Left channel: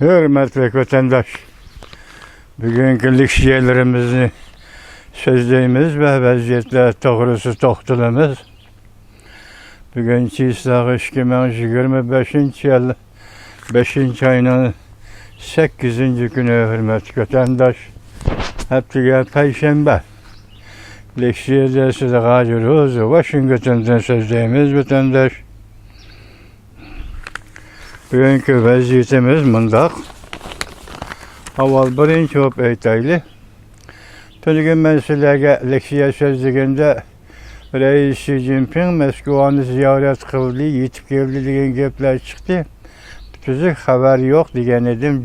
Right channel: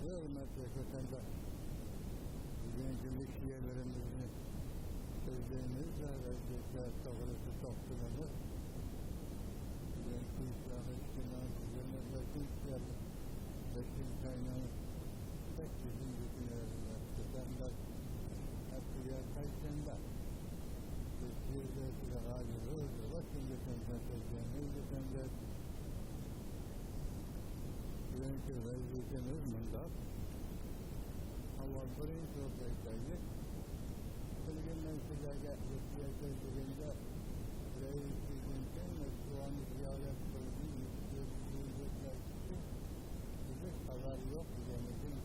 Hürmetli vatandaş, bugünkü liksiyelerimizni sözleyimiz ve vaziyetler doğrusu toxtalımız. Bugünkü İslahı 2025 yıl 5. ayının 8. günü hürmetli vatandaş. Heptiga Perşembe. Liksiyede size gacırız. Washington'dan sözleyimiz vatandaş. Bugünkü vaziyetimiz mındaq. Aval birinci hop aytaylı. Tülgün meseleге leksiya sözlüğünde Reis Xi Jinping Moskvani ziyaret kıldı, yetip geldi degan gaplar çıktı. Tüzük haber yok degan edim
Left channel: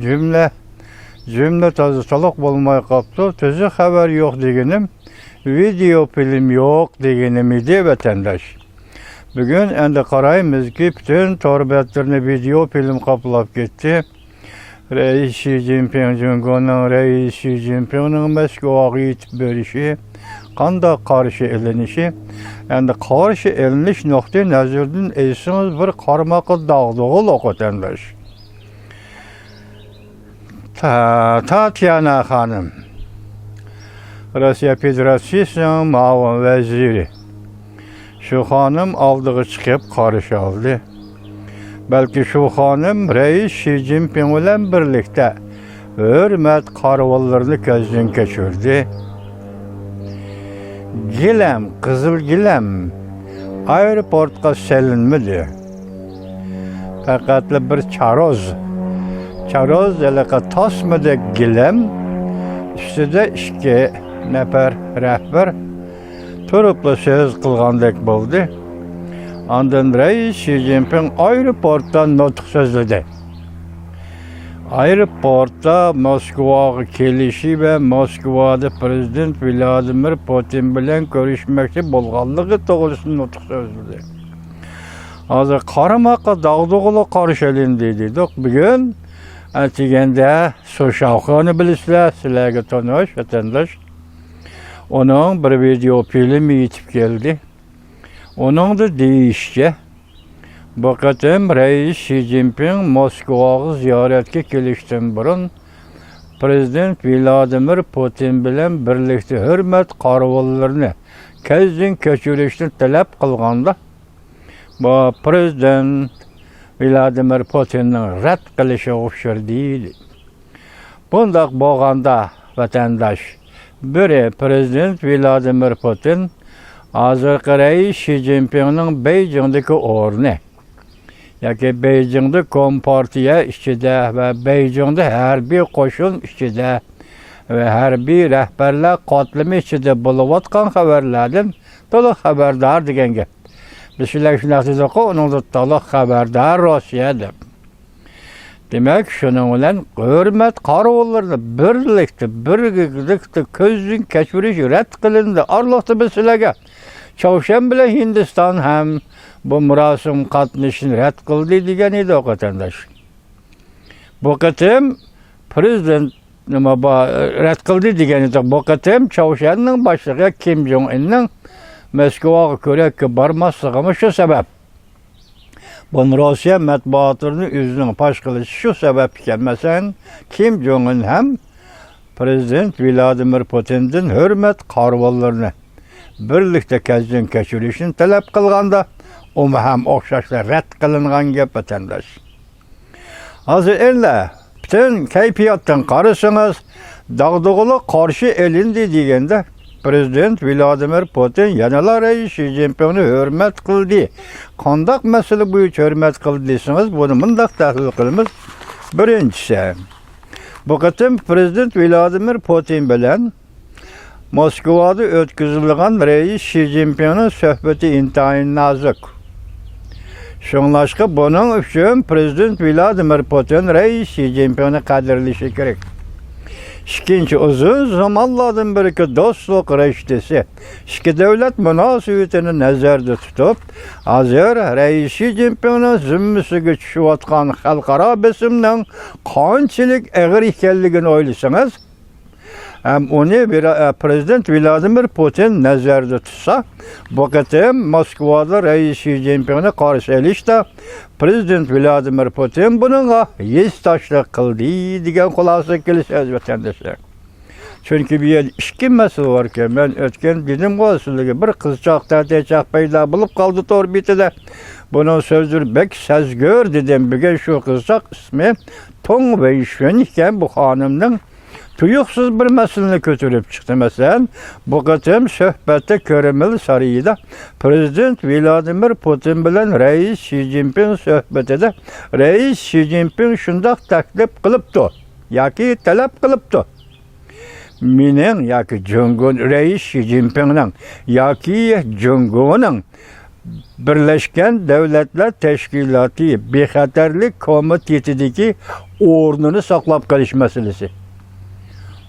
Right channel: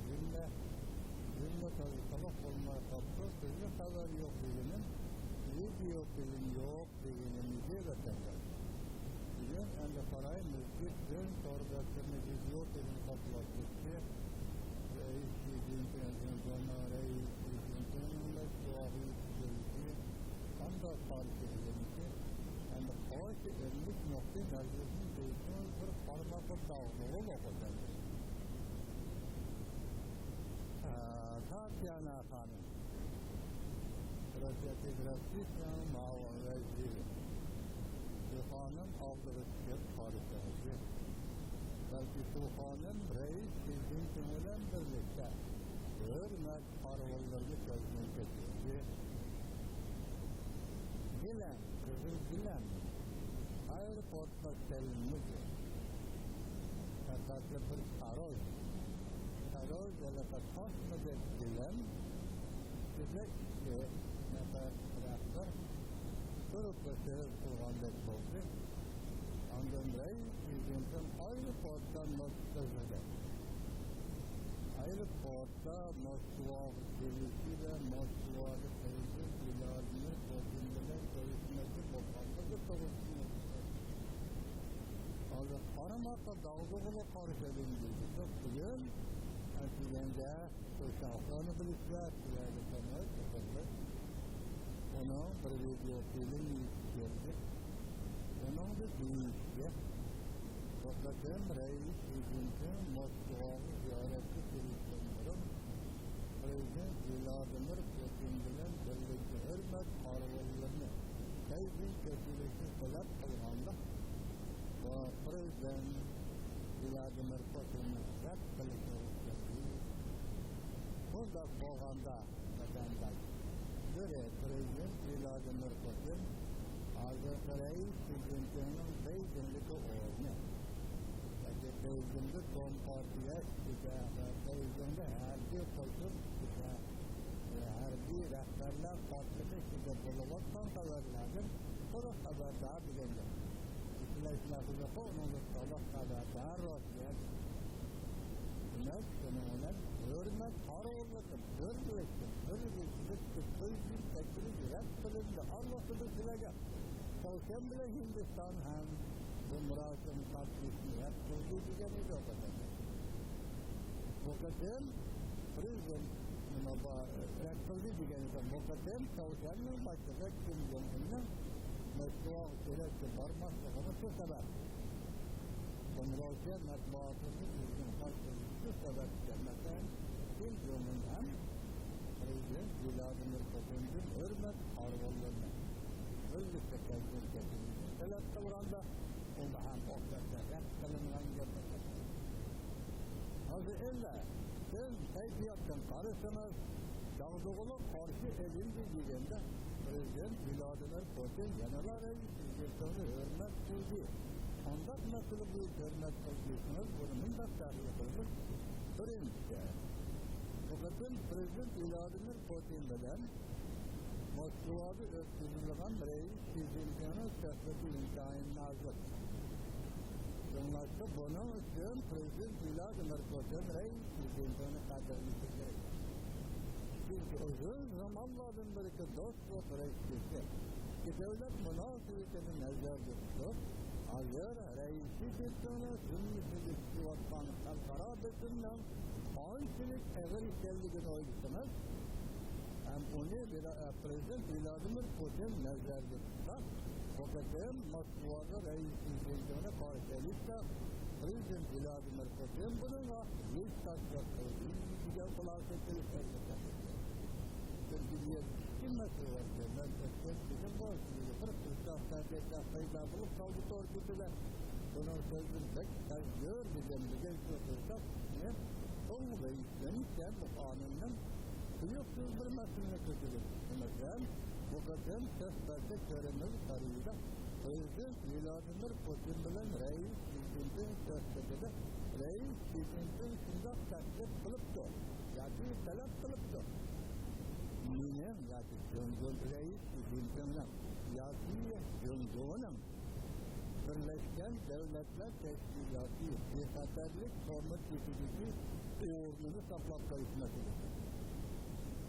cümle tazı toluk bulmay qaptı. Tüzük haber yok deganim, video film yok deganim idi vatandaş. Bugün endi qaraymiz ki bütün torbetlerini video film qaplab ketdi. Reis Xi Jinping Cumhurbaşkanı Reis Xi Jinping'nin Moskvaga yetib berişi, qanday qarşı elinişi, endi qarşı eliniş nuqtai nazardan esiniz bir qarmaqi dağdığılık vatandaş. Tatyana Hanım, Rusya Federasyonu Muavin Veziri. Şu hanım aldığı çıkıp qarşı aldı. Belki şu hanım Reis Xi Jinping bilen birlikte hürmet karvallarını gözden geçirdi. Gilem, Kızıl Gilem aeroportga selinmedi. Fakat bir çaroz elaka tasmadı Gilem, üstüde iki nefer rehber turupla söz kılgandek buldu. Ondan Reis Xi Jinping aeroporttan nutq sözledi. Aeroportda Moskvaga kelişi ve Moskvada Prezident Vladimir Putin bilen görüşmekte bolğanlığı doğrusunda nutq sözledi. Hazır qaramaqa dağdığılı qarşı elindi dedik. Bugün atigende Soşavkanı bilisizler, sizlerge tanış vatandaş. Onun bir video filmi yetip geldi. Onun da deyişçe, bu qatim Reis Xi Jinping Moskvaga ziyaretke kelişten burun Prezident Vladimir Putin bilen birlikte hürmet qarvallarını kezdin keçirishni talab qilganda, bu Prezident Vladimir Putin'nin rad qilishi o'xshar deydi. Bundaq bo'lganda vatandaş, biri Prezident Vladimir Putin hazırki Reis Xi Jinping'nin Beijing'deki ornu, yani Beijing'de Kompartiya içinde ve Beijing'de harbiy qo'shin içinde ve harbiy rehberler qatlimi içinde buluvatkan haberlerden to'liq haberdar degan gap. Bizlar shunday dedik, onun da to'liq haberdar Rossiya deb. Demek şunun bilan hürmet qarvallarni birlikte ko'zdan kechirish rad qilindi. Arloqda bizlarga Çavuşan bile Hindistan hem bu murasim qatnashini rad qildi degan edi vatandaş. Bu qatim prezident nima rad qildi degan edi. Bu qatim Çavuşanning boshlig'i Kim Jong-unning Moskvaga ko'rakka bormasligimi shu sabab. Bu Rossiya matbuotini o'zining pash qilishi shu sabab ekan. Masalan, Kim Jong-un ham Prezident Vladimir Putin'dan hürmet qarvallarini birlikte kezdin keçirishini talab qilganda, o ham o'xshashlar rad qilingan gap vatandaş. Hozir endi bütün kayfiyatdan qarasangiz, dağdığılı qarşı elindi deganda Prezident Vladimir Putin yanalar Reis Xi Jinping'ni hürmet qildi. Qandaq masala bo'yicha hürmet qildi desangiz, buni mundaq tahlil qilamiz. Birinchisi, bu qatim Prezident Vladimir Putin bilan Moskvada o'tkazilgan Reis Xi Jinping'nin söhbeti intayin nazik. Şunlaşqa bunun üçün Prezident Vladimir Putin Reis Xi Jinping'ni qadrlashi kerak. İkinci, uzun zamanlardan beri dostluk reştesi, iki devlet münasebetini nazarda tutup, hazır Reis Xi Jinping'nin zimmisiga tushayotgan xalqaro besimning qanchalik og'ir ekanligini o'ylasangiz, Hem onu Prezident Vladimir Putin nazarda tutsa, bu qatim Moskvada Reis Xi Jinping'e karşı elişte Prezident Vladimir Putin bununla yüz taşlık kıldı degan xulasa kelishadi vatandaşlar. Çünkü bir yer iki mesele var ki ben ötken dedim qo'ysiligi bir qizchaq tatechaq paydo bo'lib qoldi to'rbitida. Bunun sözleri bek sezgör dedim. Bugün şu kızcak ismi Tong Weishun iken bu hanımın tuyuksuz bir meselini götürüp çıktı mesela. Bu qatim söhbette Kreml sarayida Prezident Vladimir Putin bilen Reis Xi Jinping söhbetide Reis Xi Jinping şundaq taklif qılıptı. Yaki talep qılıptı. Minin yaki Jung'un Reis Xi Jinping'nin yaki Jung'unun Birleşken Devletler Teşkilatı Bexatarlik Komitetideki o'rnini saqlab qolish meselesi.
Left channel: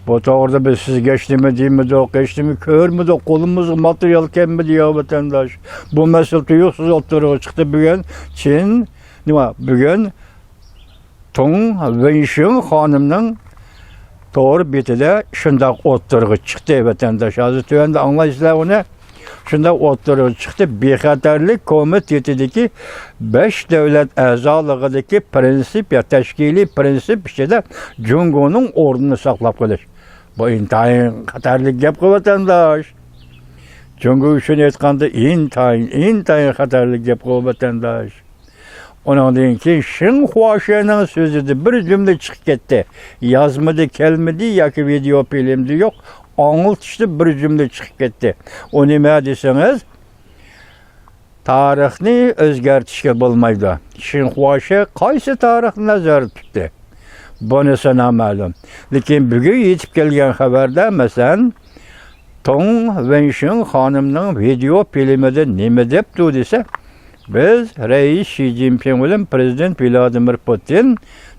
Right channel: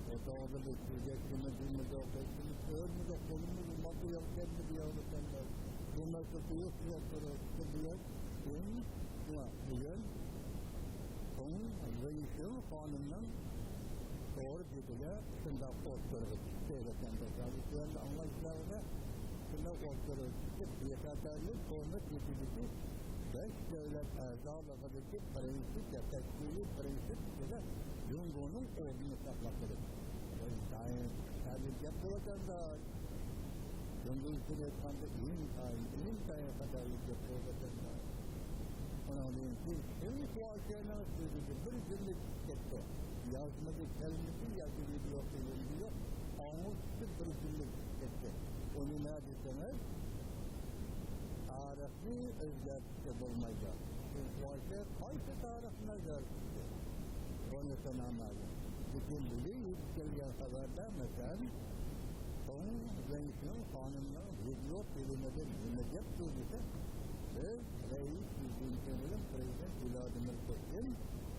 Bu to'g'rida biz siz geçtimi deymiz, geçtimi ko'rmidi, qo'limizga material kelmedi ya vatandaş. Bu mesele tuyuqsiz o'tirib chiqdi bugun. Çin nima bugun Tong Weishun xonimning to'g'ri betida shundoq o'tirib chiqdi vatandaş. Hozir tuvanda anglaysizlar uni. Şunda oturup çıktı. Bexatarlik Komitetideki 5 devlet a'zolığındaki prensip ya teşkili prensip işte Jung'un o'rnini saqlab qolish. Bu intayin xatarlik gap vatandaş. Jung uchun aytganda intayin xatarlik gap vatandaş. Ondan keyin Xinhua Shen'in sözüde bir cümle çıkıp ketdi. Yazmadı, kelmedi yoki video filmdi yo'q. Anıltışlı bir cümle çıkıp ketdi. O nima deseniz, tarixni o'zgartishga bo'lmaydi. Xinhua Shen qaysi tarixni nazarda tutdi? Bunisi noma'lum. Lekin bugun yetib kelgan xabarda masalan Tong Weishun xonimning video filmida nima debdi desa, biz Reis Xi Jinping bilan Prezident Vladimir Putin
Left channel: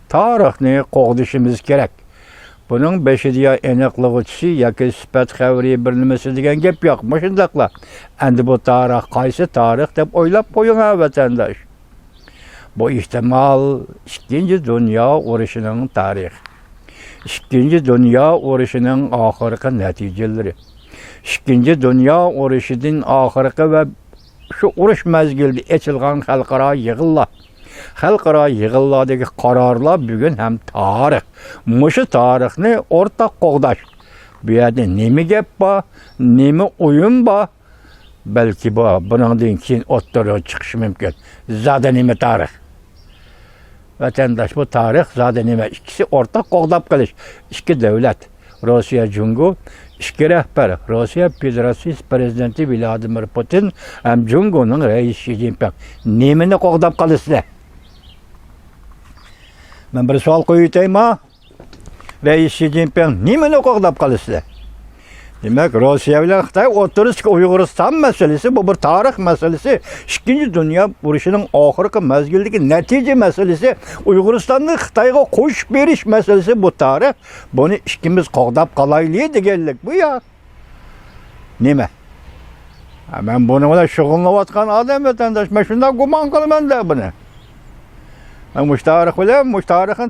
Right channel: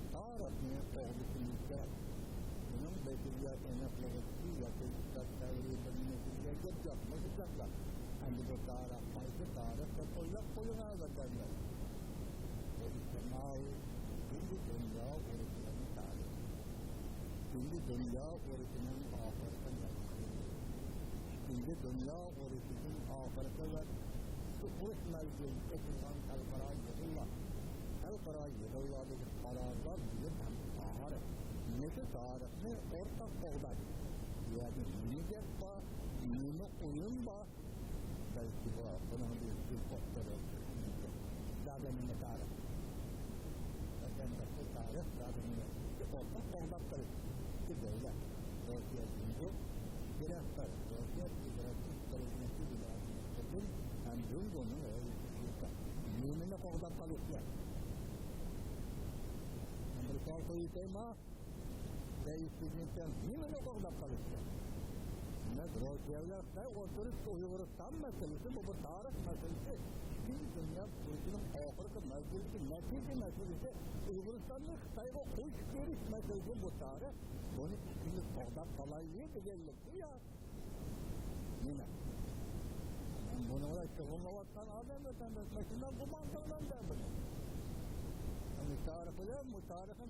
tarixni qo'g'dishimiz kerak. Bunun beşidiya aniqlovchisi yoki sifat xabari bir nimasi degan gap yo'q. Shundaqla. Endi bu tarix qaysi tarix deb o'ylab qo'ying vatandosh. Bu ihtimal Ikkinchi Dunyo urushining tarixi. Ikkinchi Dunyo urushining oxirgi natijalari. Ikkinchi Dunyo urushining oxirgi va shu urush mezgilida ochilgan xalqaro yig'inlar. Xalqaro yig'inlardagi qarorlar bugun ham tarix. Mushu tarixni o'rtaq qo'g'dash. Bu yerda nima gap bor, nima o'yin bor? Balki bundan keyin o'ttirib chiqishi mumkin. Zada nima tarix? Vatandaş bu tarix zada nima? İkisi o'rtaq qo'g'dab qilish. Ikki davlat, Rossiya Jungu, ikki rahbar, Rossiya Federatsiyasi prezidenti Vladimir Putin ham Junguning Reis Xi Jinping. Nimani qo'g'dab qilishlar? Ben bir savol qo'yaymi? Reis Xi Jinping nimani qo'g'dab qilishdi? Demak, Rossiya bilan Xitoy o'tirishga Uyg'uriston masalasi bu bir tarix masalasi. Ikkinchi dunyo urushining oxirgi mezgildagi natija masalasi, Uyg'uristonni Xitoyga qo'shib berish masalasi bu tarix. Buni ikkimiz qo'g'dab qolaylik deganlik bu ya. Nima? Men buni bilan shug'ullanayotgan odam vatandosh, men shunday gumon qilaman-da buni. Müştarih bilan müştarihni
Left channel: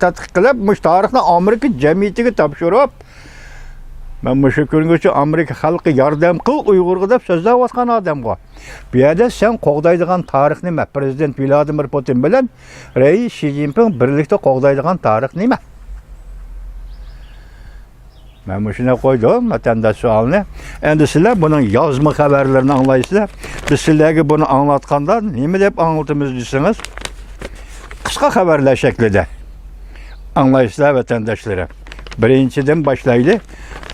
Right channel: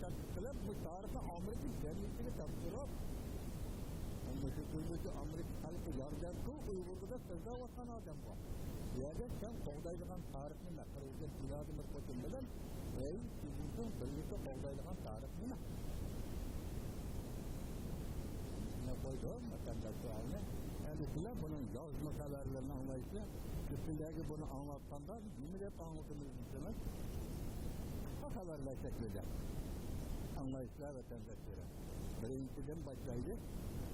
tadqiq qilib, müştarihni Amerika jamiyatiga topshirib, men shu kungacha Amerika xalqi yordam qil Uyg'urga deb so'zlayotgan odamga. Bu yerda sen qo'g'daydigan tarix nima? Prezident Vladimir Putin bilan Reis Xi Jinping birlikda qo'g'daydigan tarix nima? Men shuni qo'ydim, vatandash savolni. Endi sizlar buning yozma xabarlarini anglaysizlar. Biz sizlarga buni anglatganda nima deb anglatamiz desangiz, qisqa xabarlar shaklida anglaysizlar vatandoshlar. Birinchidan boshlaylik.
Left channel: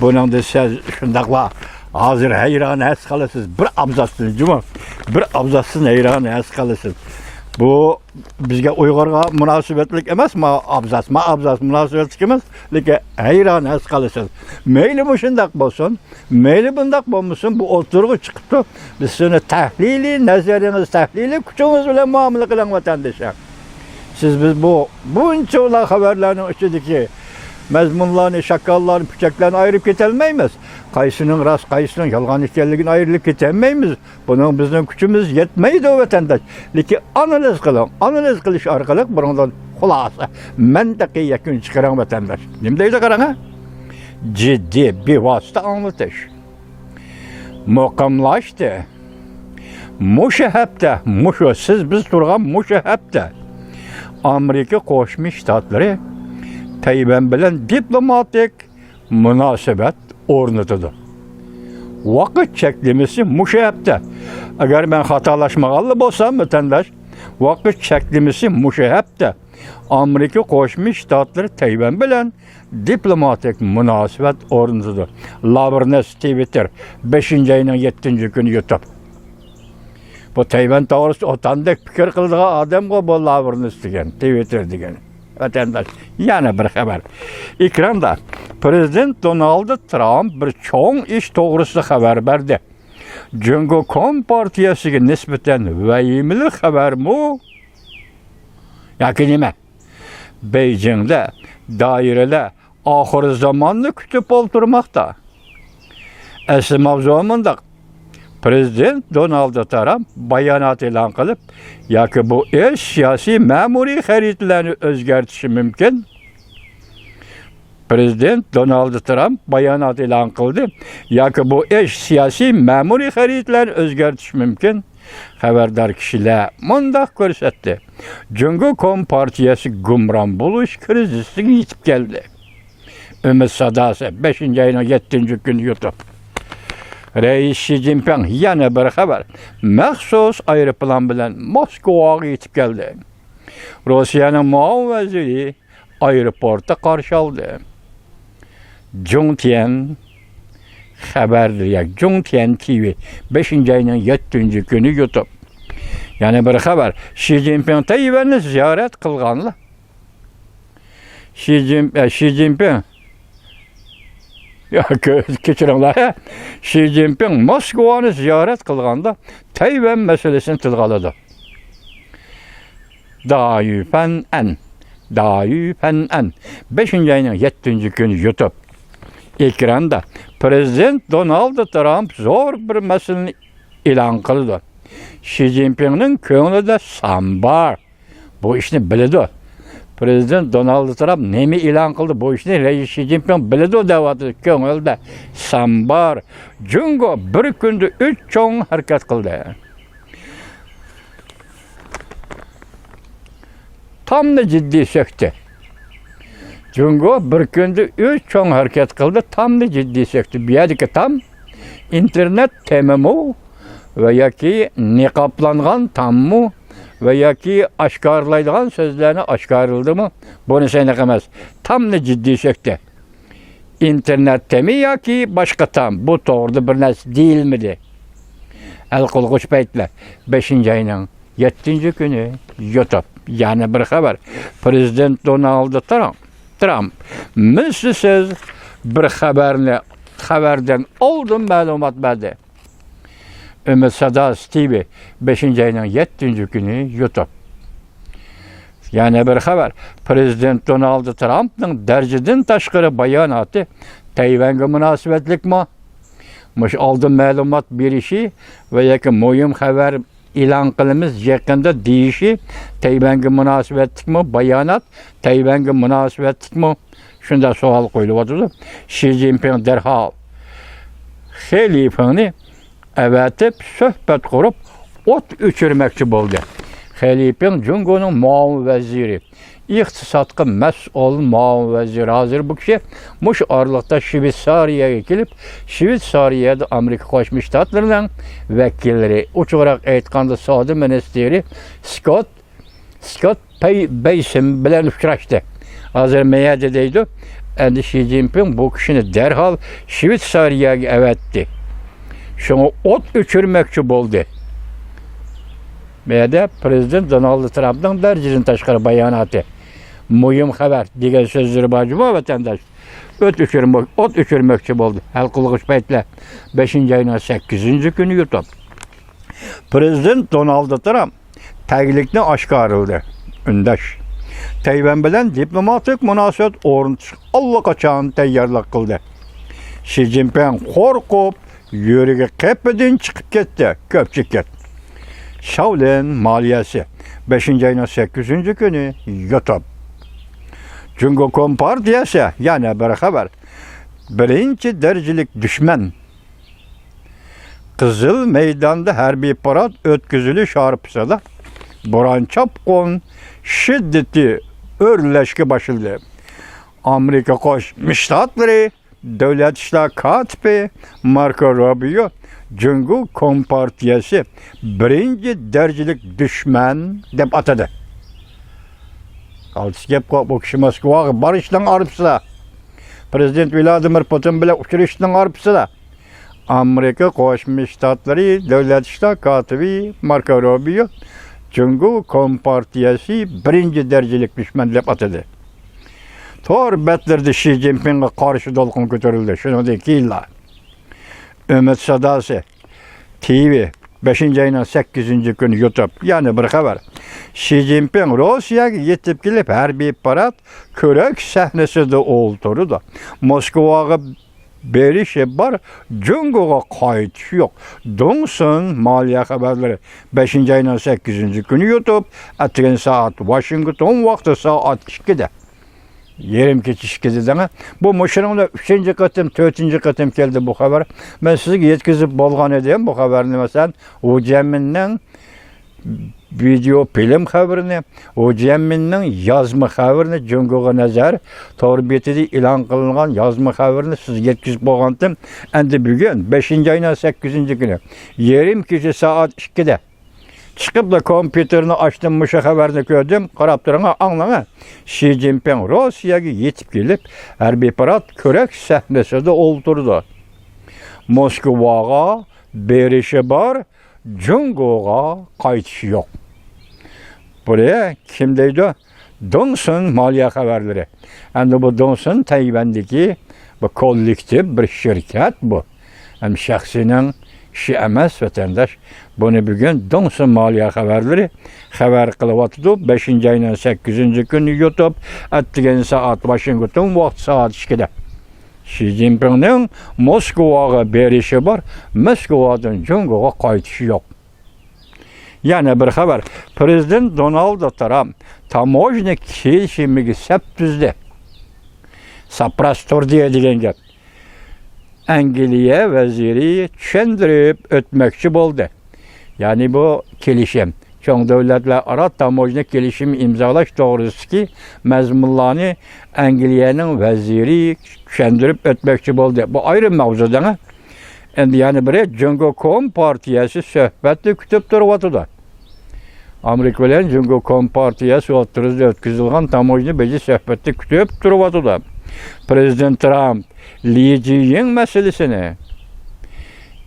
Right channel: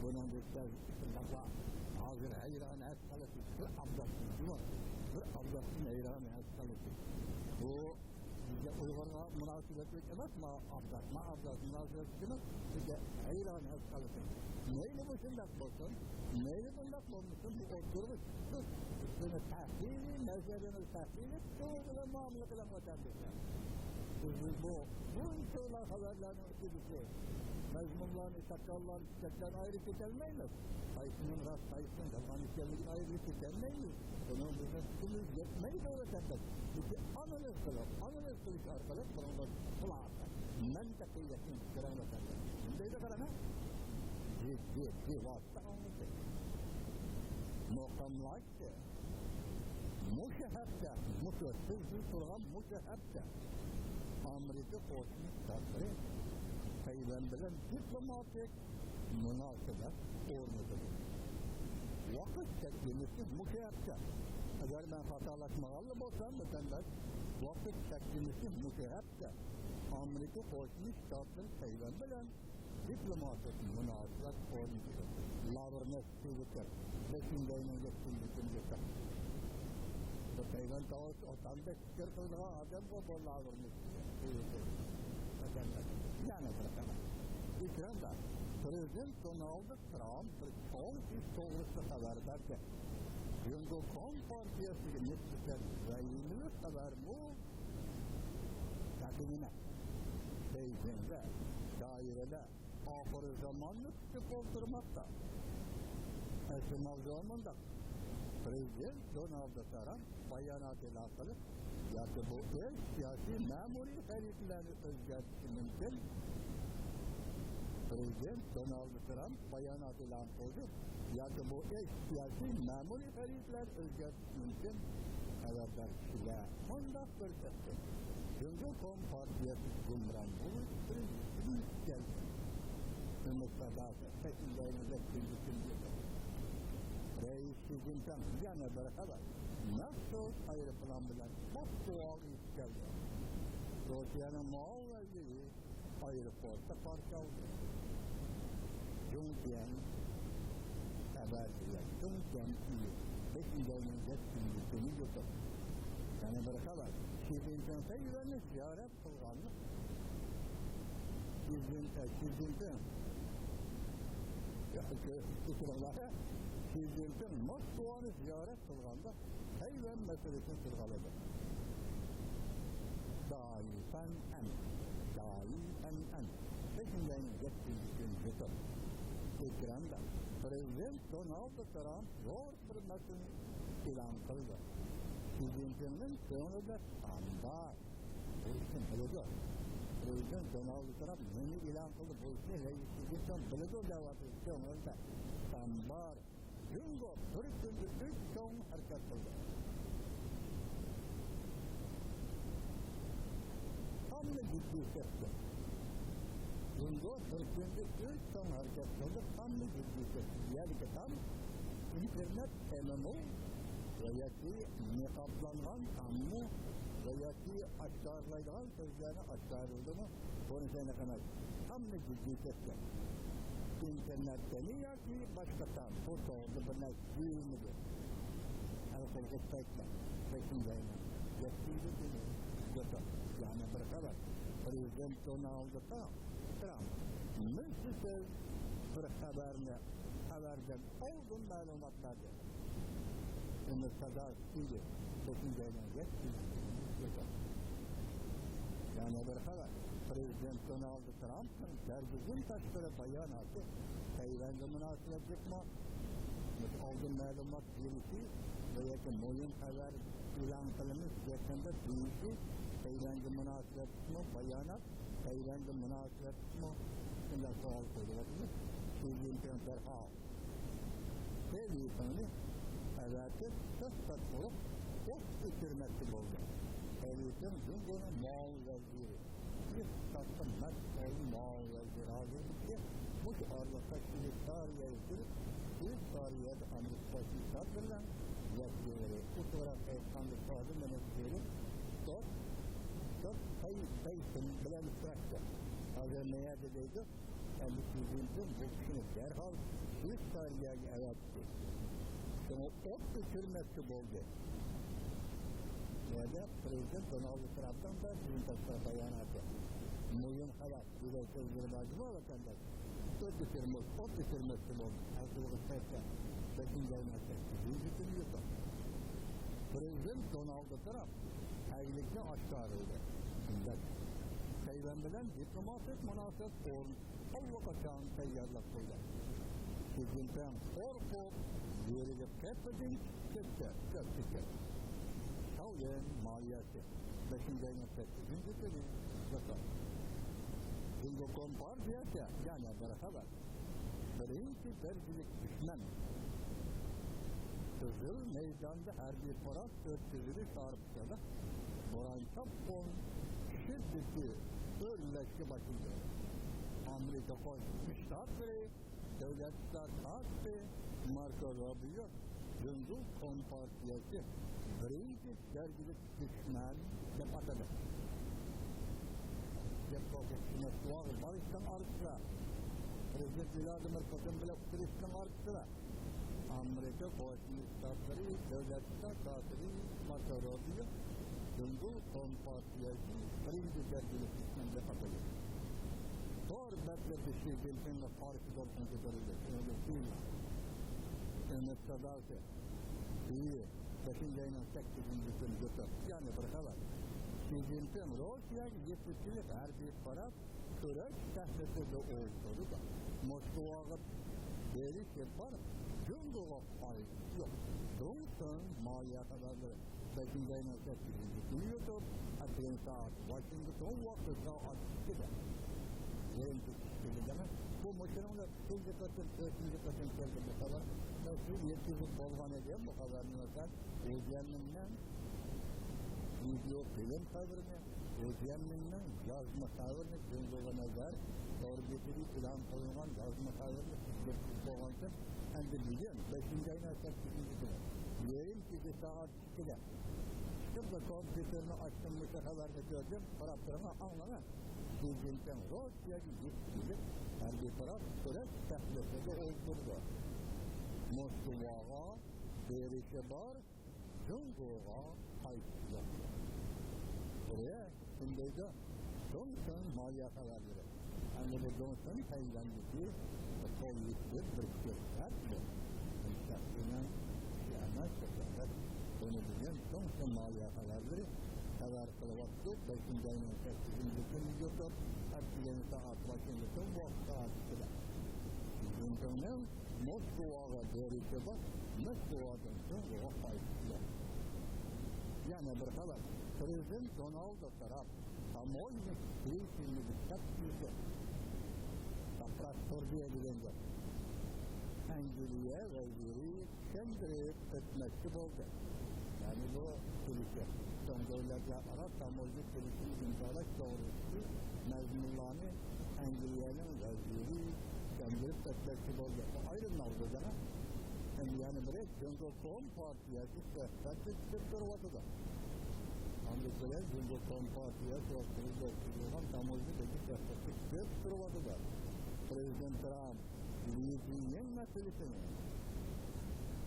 Buningda siz shundaqla hozir hayron qolasiz. Bir abzasni juma, bir abzasni hayron qolasiz. Bu bizga Uyg'urga munosabatlik emasmi? Abzas munosabatlik emas, lekin hayron qolasiz. Mayli bu shundaq bo'lsin, mayli bundaq bo'lmasin, bu o'tirg'i chiqibdi. Biz shuni tahliliy nazaringiz, tahliliy kuchingiz bilan muomala qiling vatandoshlar. Siz biz buncha xabarlarning ichidagi mazmunlarni, shakallarni, pichaklarni ayirib ketolmaymiz. Qaysining rost, qaysining yolg'on ekanligini ayirib ketolmaymiz. Buning bizning kuchimiz yetmaydi vatandosh. Lekin analiz qiling. Analiz qilish orqali bundan xulosa, mantiqiy yakun chiqaring vatandosh. Nima deydi qarang? ciddi bir vasıta anlatış. Muqimlaşdı. Muşu hepte, siz biz turgan muşu hepte. Amerika Qo'shma Shtatlari Tayvan bilan diplomatik munosabat o'rnatadi. Vaqt cheklimasi muşu hepte. Agar men xatolashmaganli bo'lsam, vatandosh, vaqt cheklimasi muşu hepte. Amerika Qo'shma Shtatlari Tayvan bilan diplomatik munosabat o'rnatadi. Lavrnes Twitter 5-ayning 7-kuni YouTube. Bu Tayvan to'g'risida otandek fikr qiladigan odamga bu Lavrnes degan, Twitter degan. Vatandosh, yana bir xabar. Ekranda Prezident Donald Trump bir cho'ng ish to'g'risida xabar berdi. Jungo Kompartiyasiga nisbatan vahimali xabarmi? Yoki nima? Beijingda doiralar oxir zamonni kutib o'tirmoqda. Asli mavzu mundaq. Prezident Donald Trump bayonot e'lon qilib, yoki bu ish siyosiy ma'muriy xaritlarni o'zgartirishi mumkin. Prezident Donald Trump bayonot e'lon qildi, yoki bu ish siyosiy ma'muriy xaritlarni o'zgartirishi mumkin. Xabardor kishilar mundaq ko'rsatdi. Jungo Kompartiyasi gumron bo'lish krizisiga yetib keldi. Umid sadosi 5-ayning 7-kuni YouTube. Reis Xi Jinping yana bir xabar. Maxsus aeroplan bilan Moskvaga yetib keldi. Rossiyaning muavin vaziri aeroportda qarshi oldi. Zhongtian xabarlar, Zhongtian TV 5-ayning 7-kuni YouTube. Yana bir xabar. Xi Jinping Tayvanni ziyorat qilganlar. Xi Jinping kechiringlar. Xi Jinping Moskvani ziyorat qilganda Tayvan masalasini tilga oladi. Dayupan 5-ayning 7-kuni YouTube. Ekranda Prezident Donald Trump zo'r bir masalani e'lon qildi. Xi Jinpingning ko'nglida sambar. Bu ishni biladi. Prezident Donald Trump nemi e'lon qildi? Bu ishni Reis Xi Jinping biladi deyapti. Ko'ngilda sambar. Jungo bir kunda 3 cho'ng harakat qildi. Tamda jiddiy söktü. Jungo bir kunda 3 cho'ng harakat qildi, tamda jiddiy söktü. Bu yerdagi tam internet temamu va yoki niqoblangan tammu ve yoki oshkorlaydigan so'zlarni oshkorildimi? Bunisi aniq emas. Tamni jiddiy söktü. İnternetdemi yoki boshqa tam? Bu to'g'rida bir narsa deyilmidi. Alqulg'uch paytlar 5-ayning 7-kuni YouTube. Yani bir xabar. Prezident Donald Trump mislsiz bir xabardan oldin ma'lumot berdi. Umid sadosi TV 5-ayning 7-kuni YouTube. Yani bir xabar. Prezident Donald Trump'ning darajadan tashqari bayonoti Tayvanga munosabatlikmi? Mush oldin ma'lumot berishi va yoki muhim xabar e'lon qilamiz yaqinda deyishi Tayvanga munosabatlikmi? Bayonot Tayvanga munosabatlikmi? Shunda savol qo'yilyapti. Xi Jinping darhol xalifani avatib suhbat qurib o't o'chirmoqchi bo'ldi. Xalifing Jungoning muavin vaziri, iqtisodga mas'ul muavin vaziri hozir bu kishi mush oraliqda Shveysariyaga kelib, Shveysariyada Amerika Qo'shma Shtatlarining vakillari, ochiqroq aytganda savdo ministri Scott Beysen bilan uchrashdi. Hozir mayada deydi. Endi Xi Jinping bu kishini darhol Shveysariyaga avatdi. Şunu ot o'chirmoqchi bo'ldi. Meyada Prezident Donald Trump'ning darajadan tashqari bayonoti. Muhim xabar degan so'zlar bor vatandosh. Ot o'chirmoqchi bo'ldi. Hal qilg'ich paytlar 5-ayning 8-kuni YouTube. Prezident Donald Trump taglikni oshkorladi. Undash Tayvan bilan diplomatik munosabat o'rnatish allaqachon tayyorlik qildi. Xi Jinping qo'rqib yuragi qepidan chiqib ketdi, ko'pchilik. Shaolin moliyasi 5-ayning 8-kuni YouTube. Jungo Kompartiyasi yana bir xabar. birinci derecelik düşman. Kızıl meydanda harbiy parad ötküzülüş arpısada Boran Çapkon şiddeti örleşki başladı. Amerika Koşmuş Ştatları Devlet İşler Katibi Marco Rubio Cumhur Kompartiyası birinci derecelik düşman dep atadı. Kaltısı gep bu kişi Moskvaga barışdan arpısada. Prezident Vladimir Putin bilen uçuruşdan arpısada. Amerika Koşmuş Ştatları Devlet İşler Katibi Marco Rubio Cumhur Kompartiyası birinci derecelik düşman dep atadı. Tor betlerde Xi Jinping'e karşı dolkun götürüldü. Şunun yıllar. Ümit Sadası TV 5. ayının 8. günü YouTube yani bir haber. Xi Jinping Rusya'ya yetip gelip harbiy parad körek sahnesinde oturdu. Moskvaga berişi var, Cumhur'a kayıt yok. Dongsun maliye haberleri 5. ayının 8. günü YouTube, atın saat Washington vakti saat 2'de. Yerim keçişkidi dene. Bu Muşurumda 3. katım, 4. katım geldi bu haber. Ben size yetkizip bolgan edeyim bu haberini mesela. O cemminden video film haberini, o cemminden yazma haberini Cumhur'a nazar torbiyetide ilan kılıngan yazma haberini siz yetkizip bolgandım. Endi bugün 5. ayının 8. günü. Yerim keçi saat 2'de. Çıkıp da kompüterini açtım, muşa haberini gördüm. Karaptırına anlama. Xi Jinping Rusya'ya yetip gelip harbiy parad körek sahnesinde oturdu. Moskvaga berişi var, Cumhur'a kayıtışı yok. Buraya kimdeydi? Dongsun maliye haberleri. Yani bu Dongsun Tayvan'daki bu kollektif bir şirket bu. Hem şahsinin işi emas vatandaş. Bunu bugün Dongsun maliye haberleri haber kılıvatıdı. 5. ayının 8. günü YouTube attıgan saat Washington vakti saat 2'de. Xi Jinping'in Moskvaga berişi var. Moskvadan Cumhur'a kayıtışı yok. Yani bir haber. Prezident Donald Trump tamojna kelişimiga sap tuzdi. Saprastor degan gap. Angliya vaziri tushuntirib o'tmoqchi bo'ldi. Yani bu kelishim. Çoğun devletler ara tamojna kelishim imzalash to'g'risidagi mazmunlarni Angliyaning vaziri tushuntirib o'tmoqchi bo'ldi. Bu ayrı mavzudan. Endi yani biri Cumhur Kompartiyasi suhbatni kutib turibdi. Amerika bilan Cumhur Kompartiyasi o'rtasida o'tkazilgan tamojna beji suhbatni kutib turibdi. Prezident Trump Li Jiying meselesini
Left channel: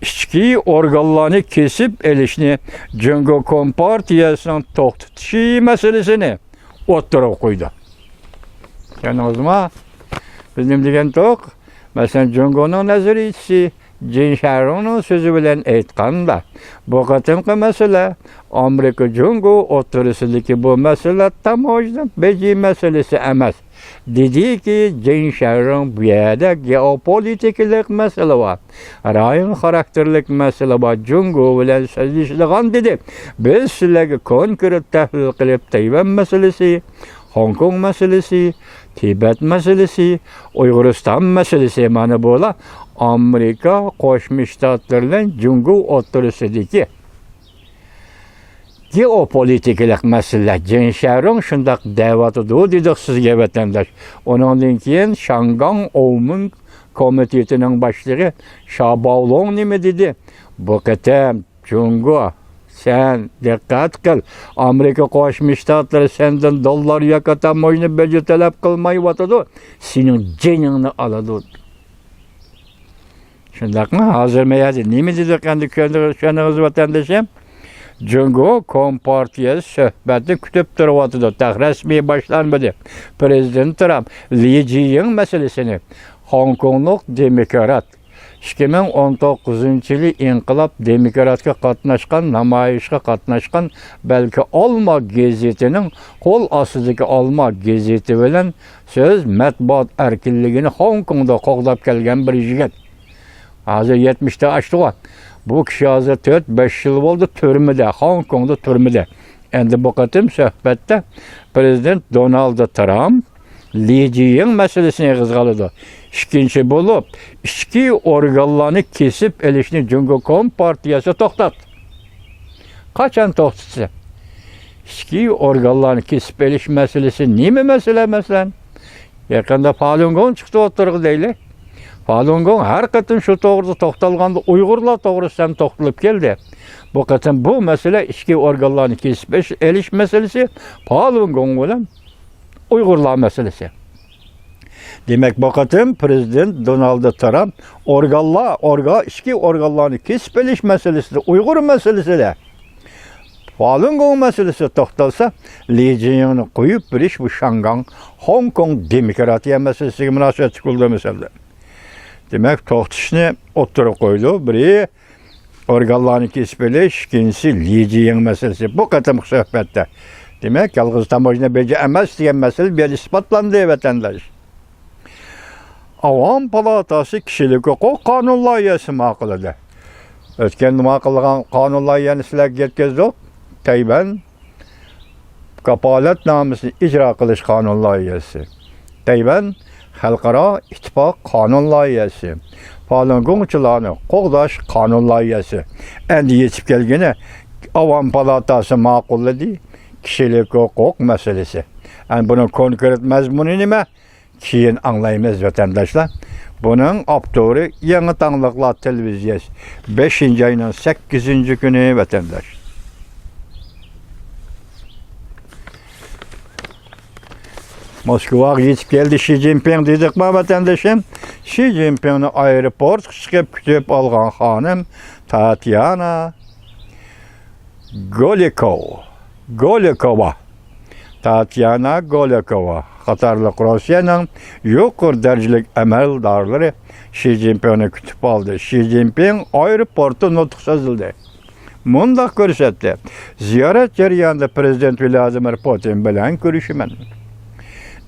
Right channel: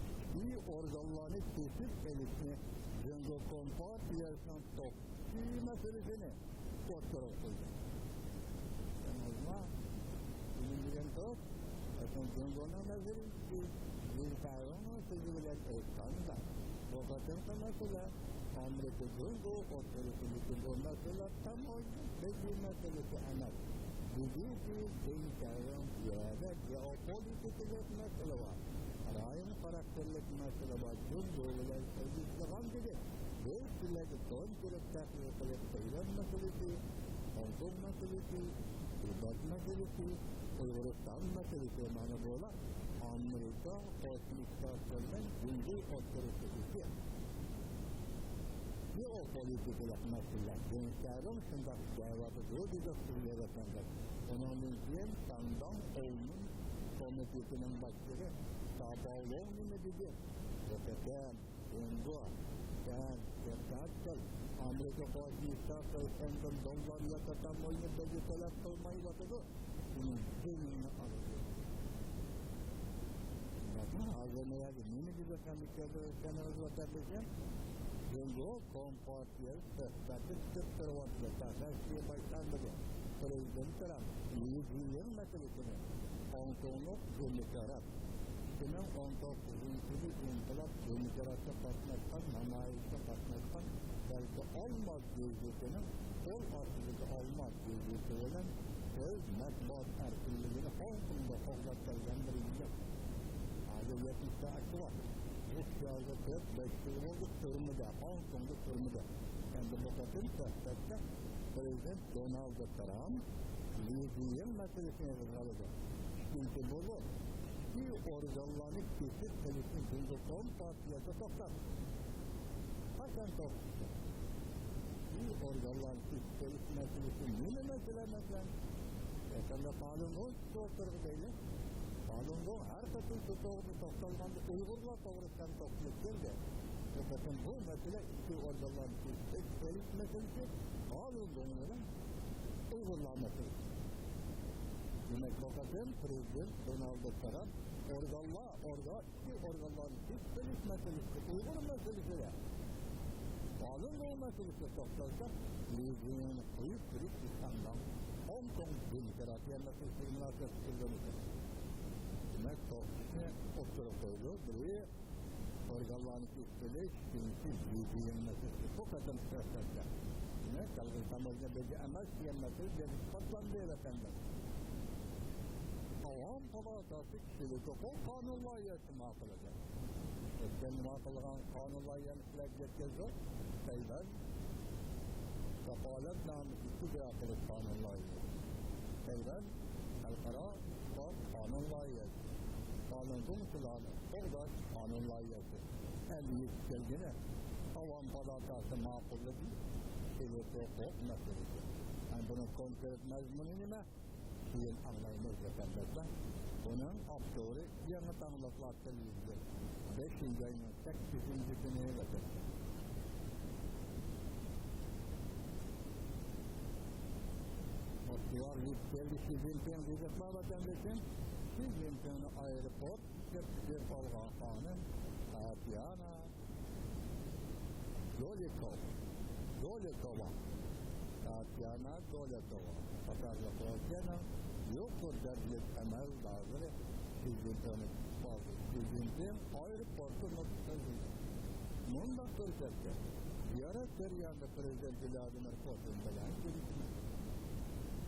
ichki organlarni kesip elishni Cumhur Kompartiyasining to'xtatishi meselesini o'ttirib qo'ydi. Yani o zaman bizim degan to'q, masalan Cumhurning nazariyachisi Jin Sharon'un sözü bilen aytganda bu qatimqi mesele Amerika Cumhur o'rtasidagi bu mesele tamojna beji meselesi emas. Dedi ki Jin Sharon bu yerda geopolitikalik mesele var. Rayon karakterlik mesele var. Cumhur bilen sözleşilgan dedi. Biz sizlarga konkret tahlil qilib Tayvan meselesi, Hong Kong meselesi, Tibet meselesi, Uyg'uriston meselesi mana bo'la Amerika Qo'shma Shtatlar bilan Cumhur o'rtasidagi geopolitikalik mesele. Jin Sharon shundaq da'vatidir dedik sizga vatandosh. Ondan keyin Shangang O'mun komitetining boshlig'i Shabaolong nima dedi? Bu qatam Cumhur sen dikkat qil. Amerika Qo'shma Shtatlari sendan dollar yoki tamojna beji talab qilmayotadi. Sening jiningni oladi. Shundaqmi? Hozir mayadi. Nima dedi endi ko'rsangiz vatandoshim? Cumhur Kompartiyasi suhbatni kutib turibdi. Rasmiy boshlanmadi. Prezident Trump Li Jiying meselesini Hong Konglik demokrat 2019 yılı inqilab demokratga qatnashgan, namoyishga qatnashgan, balki Olma gazetinin qo'l ostidagi Olma gazeti bilan söz matbuot erkinligini Hong Kongda qo'g'dab kelgan bir yigit. Hozir 70'te aştı. Bu kishi hozir 4-5 yil bo'ldi turmada, Hong Kongda turmada. Endi bu qatim suhbatda Prezident Donald Trump Li Jiying meselesini qo'zg'adi. İkinci bulup, içki organlarını kesip elişini Cumhur Kompartiyası toxtat. Kaçan toxtatsa? İçki organlarını kesip eliş meselesi neymi mesele mesela? Yakında Falun Gong çıktı oturgu değil. Falun Gong her katın şu doğrusu toxtalğanda Uygurlar doğrusu hem toxtalıp geldi. Bu katın bu mesele içki organlarını kesip eliş meselesi Falun Gong olan Uygurlar meselesi. Demek bu katın Prezident Donald Trump içki organlarını kesip eliş meselesi de Uygur meselesi de Falun Gong meselesi toxtalsa Li Jinping'ni koyup bir iş bu Şangay, Hong Kong demokratiya meselesi münasebet çıkıldı mesela. Demek toxtışını oturup koydu. Biri organlarını kesip eliş, ikincisi Li Jinping meselesi. Bu katım sohbette. Demek yalnız tamojna bece emez diyen mesele bir ispatlandı vatandaş. Avam Palatası kişilik hukuk kanun layihasi maquladı. Ötken maqulagan kanun layihani sizler yetkizdik. Tayvan kapalet namusini icra qilish kanun layihasi. Tayvan xalqaro ittifoq kanun layihasi. Falun Gongchilarni qo'g'dash kanun layihasi. Endi yetib kelgani Avam Palatası ma'qulladi kişilik hukuk meselesi. Yani bunun konkret mazmuni nima? Keyin anglaymiz vatandaşlar. Bunun avtori Yangi Tanglıqlar televiziyasi 5. ayının 8. günü vatandaş. Moskvaga yetib keldi Xi Jinping dedik mi vatandaşım? Xi Jinpingni aeroport chiqib kutib olgan xonim Tatyana Golikova. Tatyana Golikova. Qatarlıq Rusiyanın yuqur dərəcəlik əməldarları Xi Jinpingni kütüb aldı. Xi Jinping aeroportu nutq sözüldü. Mundaq görsətdi. Ziyaret jarayonida Prezident Vladimir Putin bilan görüşmən.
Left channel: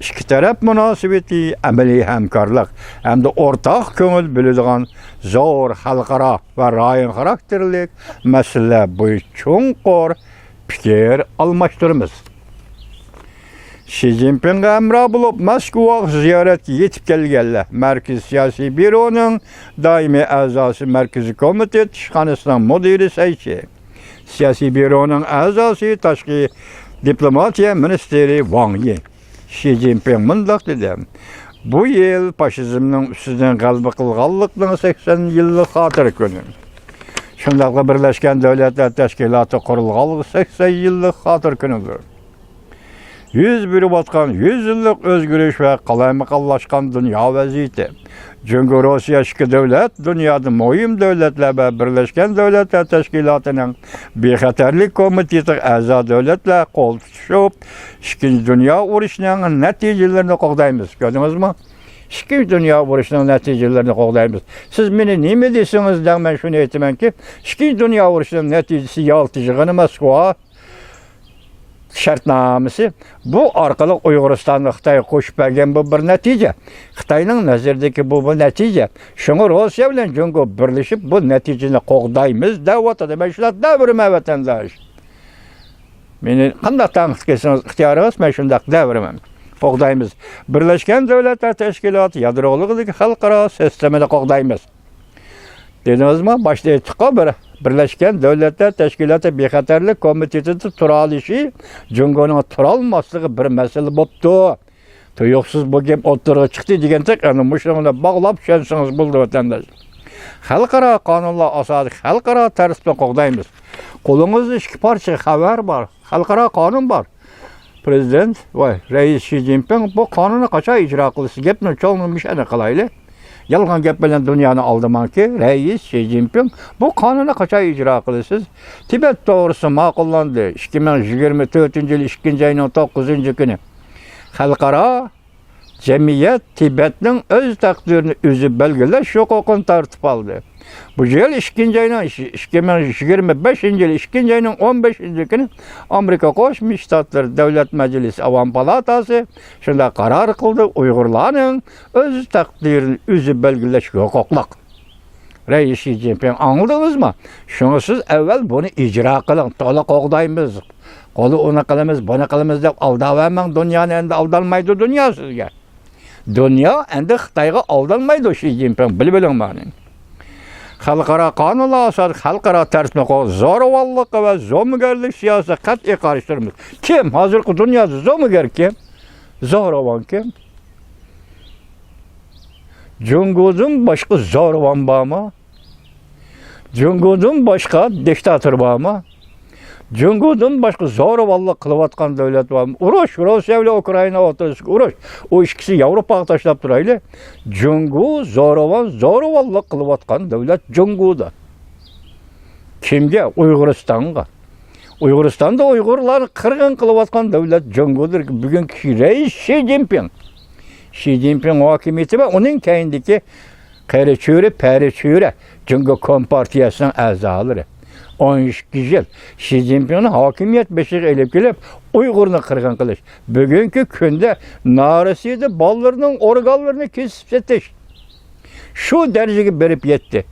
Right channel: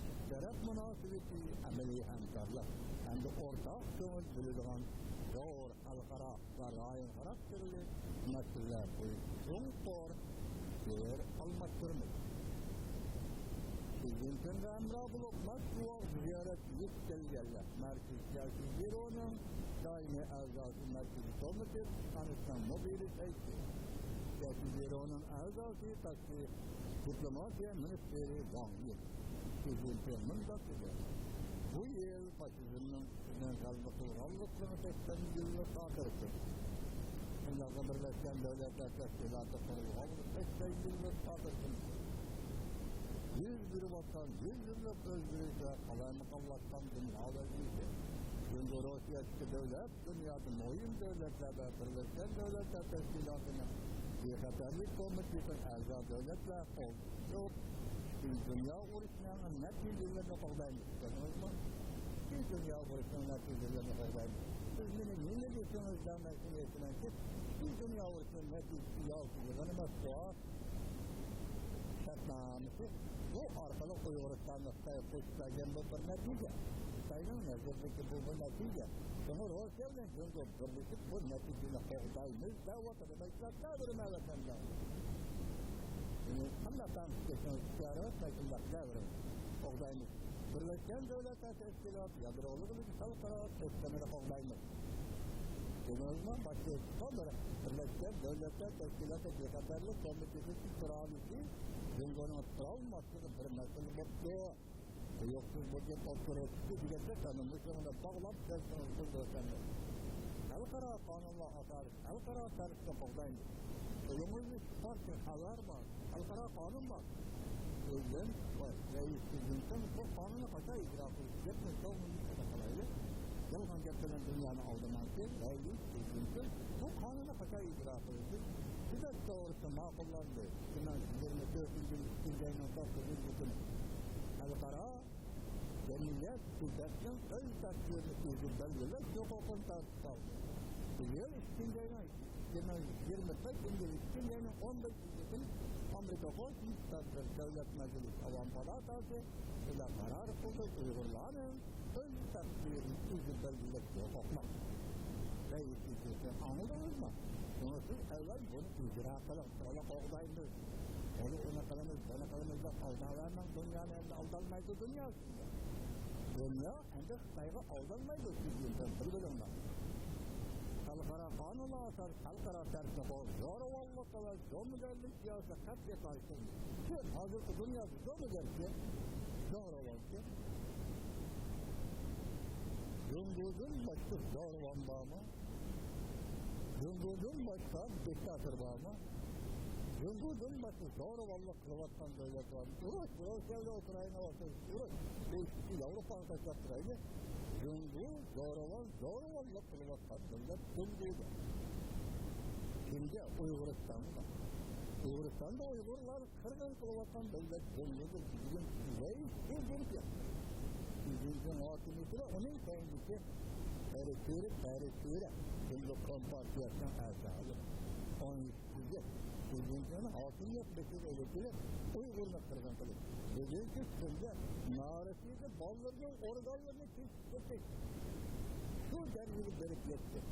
İki taraf münasibeti, əməli həmkarlıq, həm də ortaq köngül bölüdüğən zor xalqara və rayon xarakterlik məsələ bu çunqur fikir almışdırmız. Xi Jinping'e emra bulup Moskva ziyaret yetip gelgenler. Merkez Siyasi Büro'nun daimi azası Merkezi Komite Tişhanısının müdiri Seyçi. Siyasi Büro'nun azası Taşki Diplomatiya Ministeri Wang Yi. Xi Jinping mundaq dedi. Bu yıl faşizmnin üstünden qalbı qılğanlıqның 80 yıllık hatır günü. Şundaqla Birleşken Devletler Teşkilatı qurulğanlığı 80 yıllık hatır günüdür. 100 biri batkan 100 yıllık özgürlük ve kalaymakallaşkan dünya vaziyeti. Çünkü Rusya iki devlet, dünyada mühim devletler ve Birleşken Devletler Teşkilatı'nın Bexaterlik Komitesi a'zo devletler kol tutuşup, İkinci Dünya Uruşu'nun neticelerini qoğdaymiz. Gördünüz mü? İkinci Dünya Uruşu'nun neticelerini qoğdaymiz. Siz beni ne mi desiniz de ben şunu etmem ki, İkinci Dünya Uruşu'nun neticesi yaltıcığını Moskva şartnamesi bu arkalı Uyguristan'ı Xitay koşup bergen bu bir netice. Xitay'nın nazardaki bu netice. Şunu Rusya bilen Cumhur birleşip bu neticeni qoğdaymiz davatıda. Ben şuna devrime vatandaş. Beni qanday tanqid qilsangiz ixtiyoringiz, men shunday devremem. Qo'g'daymiz. Birleşken Devletler Teşkilatı yadrolığındaki xalqaro sistemini qo'g'daymiz. Dedinizmi? Başta aytdik bir Birleşken Devletler Teşkilatı Bexaterlik Komitesi turalishi Cumhur'un turalmaslığı bir mesele boptu. Tuyuqsiz bu gap o'tirg'i chiqdi degandak, ana mushuni bog'lab tushunsangiz bo'ldi vatandaş. Xalqaro qonunlar asosida xalqaro tartibni qo'g'daymiz. Qo'lingizda ikki parcha xabar bor, xalqaro qonun bor. Prezident va Rais Xi Jinping bu qonunni qachon ijro qilishi gapni cho'ng'imish ana qilayli. Yalgan gap bilan dunyoni aldamanki, Rais Xi Jinping bu qonunni qachon ijro qilasiz? Tibet to'g'risi ma'qullandi 2024-yil 2 ayning 9-kuni. Xalqaro jamiyat Tibetning o'z taqdirini o'zi belgilash huquqini tartib oldi. Bu yıl 2 ayının 2025-yil 2 ayının 15-kuni Amerika Qo'shma Shtatlar Davlat Majlisi Avam Palatası shunday qaror qildi, Uyg'urlarning o'z taqdirini o'zi belgilash huquqliq. Rais Xi Jinping anladingizmi? Shuni siz avval buni ijro qiling, to'liq qo'g'daymiz. Qo'li uni qilamiz, buni qilamiz deb aldavamang, dunyoni endi aldalmaydi dunyo sizga. Dünya endi Xitayga aldanmaydı Xi Jinping, bilin mani. Xalqaro qonun asosida xalqaro tartibni zo'ravonlik va zo'migarlik siyosati qat'iy qarshi turamiz. Kim hozirgi dunyoda zo'migar kim? Zo'ravon kim? Jungo'dan boshqa zo'ravon bormi? Jungo'dan boshqa diktator bormi? Jungo'dan boshqa zo'ravonlik qilayotgan davlat bormi? Urush, Rossiya bilan Ukraina o'rtasida urush. O ikkisi Yevropaga tashlab turayli. Jungo zo'ravonlik qilayotgan davlat Jungo'da. Kimga? Uyg'uristonga. Uyg'uristonda Uyg'urlarni qirg'in qilayotgan davlat Jungo'dir. Bugungi rais Xi Jinping. Xi Jinping hokimiyati va uning keyindagi pari cho'ri Jungo Kompartiyasining a'zolari. 12 yil Xi Jinpingni hokimiyat beshiga elib kelib, Uyg'urni qirg'in qilish. Bugungi kunda Norasiyada bolalarning organlarini kesib setish. Shu darajaga berib yetdi.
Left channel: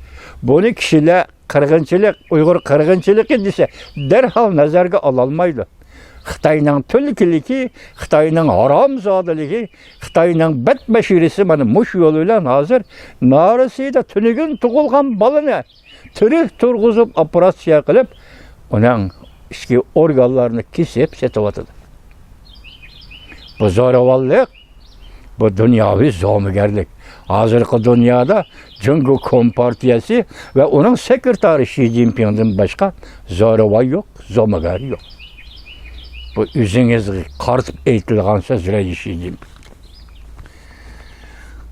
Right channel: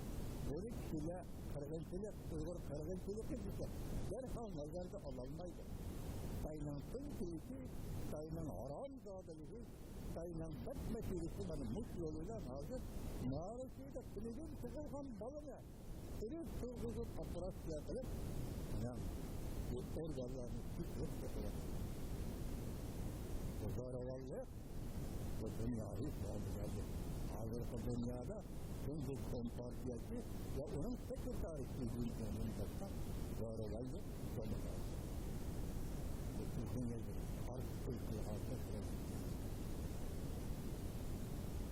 Buni kishilar qirg'inchilik, Uyg'ur qirg'inchiligi desa, darhol nazarga ololmaydi. Xitoyning tulkiligi, Xitoyning haromzodaligi, Xitoyning badbashirisi mana mush yo'l bilan hozir Norasiyada tunigun tug'ilgan bolani tirik turg'izib operatsiya qilib, uning ichki organlarini kesib setyapti. Bu zo'ravonlik, bu dunyoviy zo'migarlik. Hozirgi dunyoda Jungo Kompartiyasi va uning sekretari Xi Jinpingdan boshqa zo'ravon yo'q, zo'migar yo'q. Bu o'zingizga qartib aytilgan so'z Xi Jinping.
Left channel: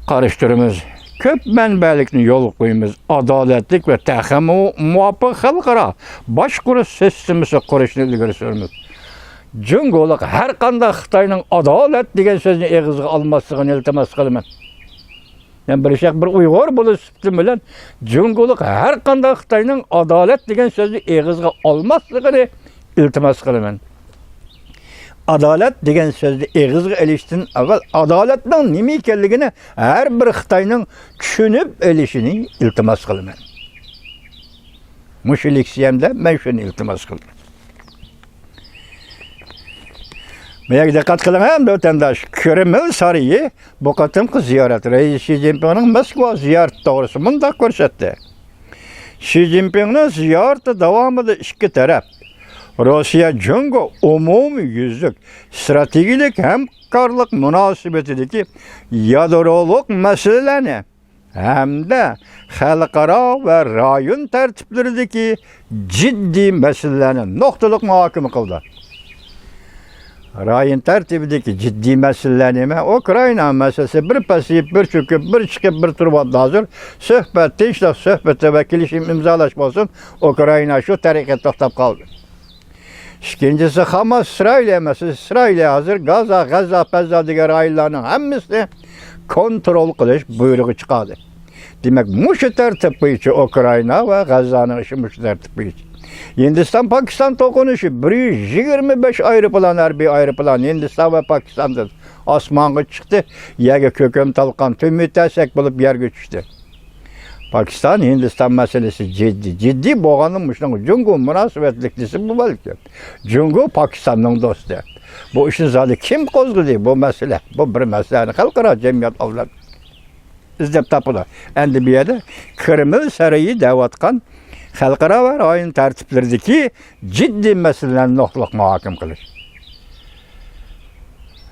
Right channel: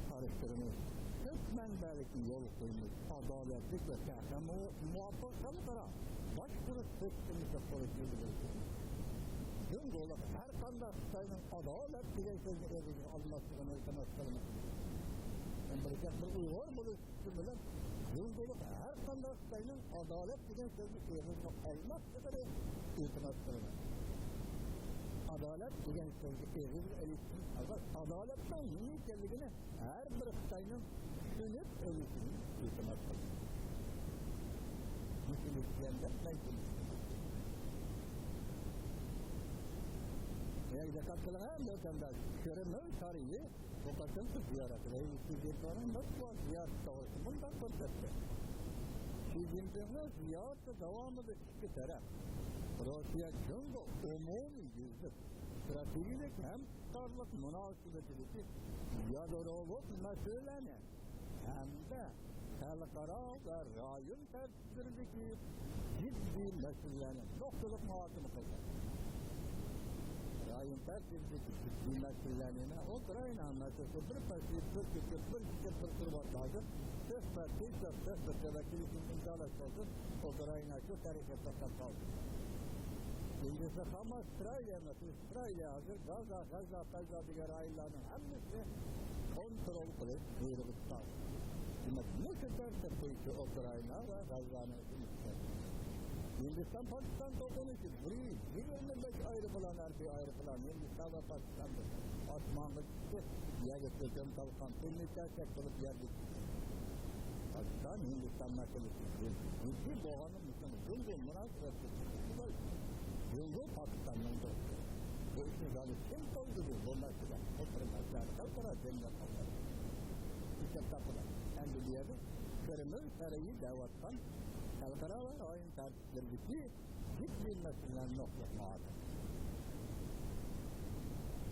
Qarashtiramiz. Köp mənbəlikni yol qoyumuz, adaletlik ve təxəmi muvaffaq xalqara başquruş sistemisi qurishni ilgari sürümüz. Jungo'luq her qanday Xitoyning adalet degan so'zni eg'izga olmasligini iltimos qilaman. Men bir Uyg'ur bo'lish bilan Jungo'luq her qanday Xitoyning adalet degan so'zni eg'izga olmasligini iltimos qilaman. Adalet degan so'zni eg'izga elishdan avval adolatning nima ekanligini har bir Xitoyning tushunib elishini iltimos qilaman. Mushileksiyamda men shuni iltimos qildim. Menga diqqat qiling ham vatandosh, Kreml sarayi bu qatimqi ziyorat rais Xi Jinpingning Moskva ziyarati to'g'risida bunday ko'rsatdi. Xi Jinpingning ziyarati davomida ikki taraf Rossiya Jungo umumiy yuzlik strategik hamkorlik munosabatidagi yadrolik masalalarni hamda xalqaro va rayon tartiblaridagi jiddiy masalalarni nuqtaliq muhokama qildi. Rayon tartibidagi jiddiy masalalar nima? Ukraina masalasi bir pasayib, bir cho'kib, bir chiqib, bir turib hozir suhbat, tinchlik suhbati va kelishim imzolash bo'lsin, Ukraina shu tariqa to'xtab qoldi. İkincisi Hamas İsrail meselesi. İsrail hazır Gazza degan rayonlarning hammasini kontrol qilish buyrug'i chiqadi. Demak, mushu tartib bo'yicha Ukraina va Gazzaning ishi mushu tartib bo'yicha. Hindiston Pokiston to'qinishi 125 aeroplan, harbiy aeroplan Hindiston va Pokistondan osmonga chiqdi. Yerga ko'kam talqon to'mitasak bo'lib yerga tushdi. Pakistan, Hindiston masalasi ciddi bo'lganim shuning Jungo munosabatliklisi bu balki. Jungo Pokistonning do'sti. Bu ishni zodi kim qo'zg'adi bu masala? Bu bir masalani xalqaro jamiyat avlod izlab topadi. Endi bu yerda Kreml sarayi da'vatgan xalqaro va rayon tartiblaridagi jiddiy masalalarni nuqtaliq muhokama qilish.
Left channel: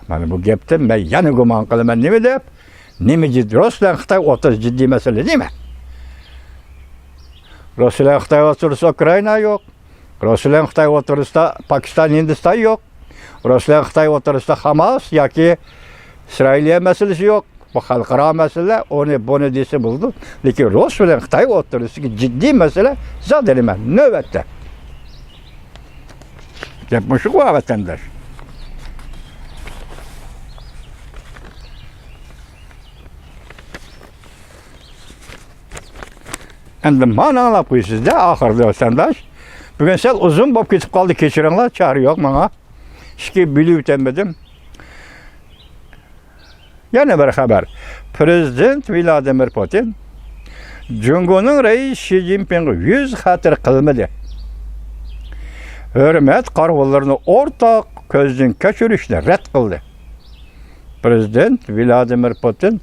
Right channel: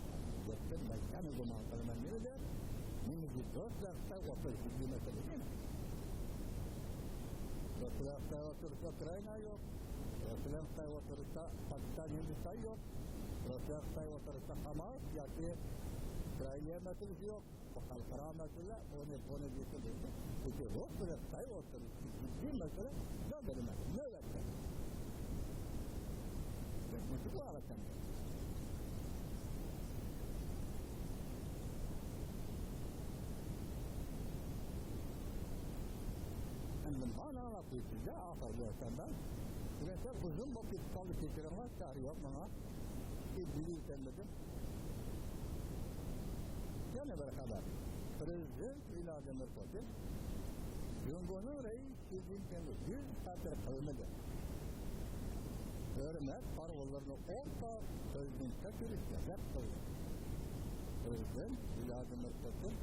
Mana bu gapda men yana gumon qilaman nima deb? Nima jiddiy Rossiya Xitoy o'rtasida jiddiy masala nima? Rossiya Xitoy o'rtasida Ukraina yo'q. Rossiya Xitoy o'rtasida Pokiston, Hindiston yo'q. Rossiya Xitoy o'rtasida Hamas yoki İsrail masalasi yo'q. Bu xalqaro masala, buni desa bo'ldi. Lekin Rossiya Xitoy o'rtasidagi jiddiy masala zod nima? Navbatda. Gap shu vatandosh. Endi mana anlab qo'ysizda oxirida vatandosh. Bugun sal uzun bo'lib ketib qoldi, kechiringlar, chari yo'q menga. Ishga bilib o'tamadim. Yana bir xabar. Prezident Vladimir Putin Jungo'ning rais Xi Jinpingga 100 xatir qilmadi. Hurmat qarorlarini o'rtaq ko'zdan kechirishni rad qildi. Prezident Vladimir Putin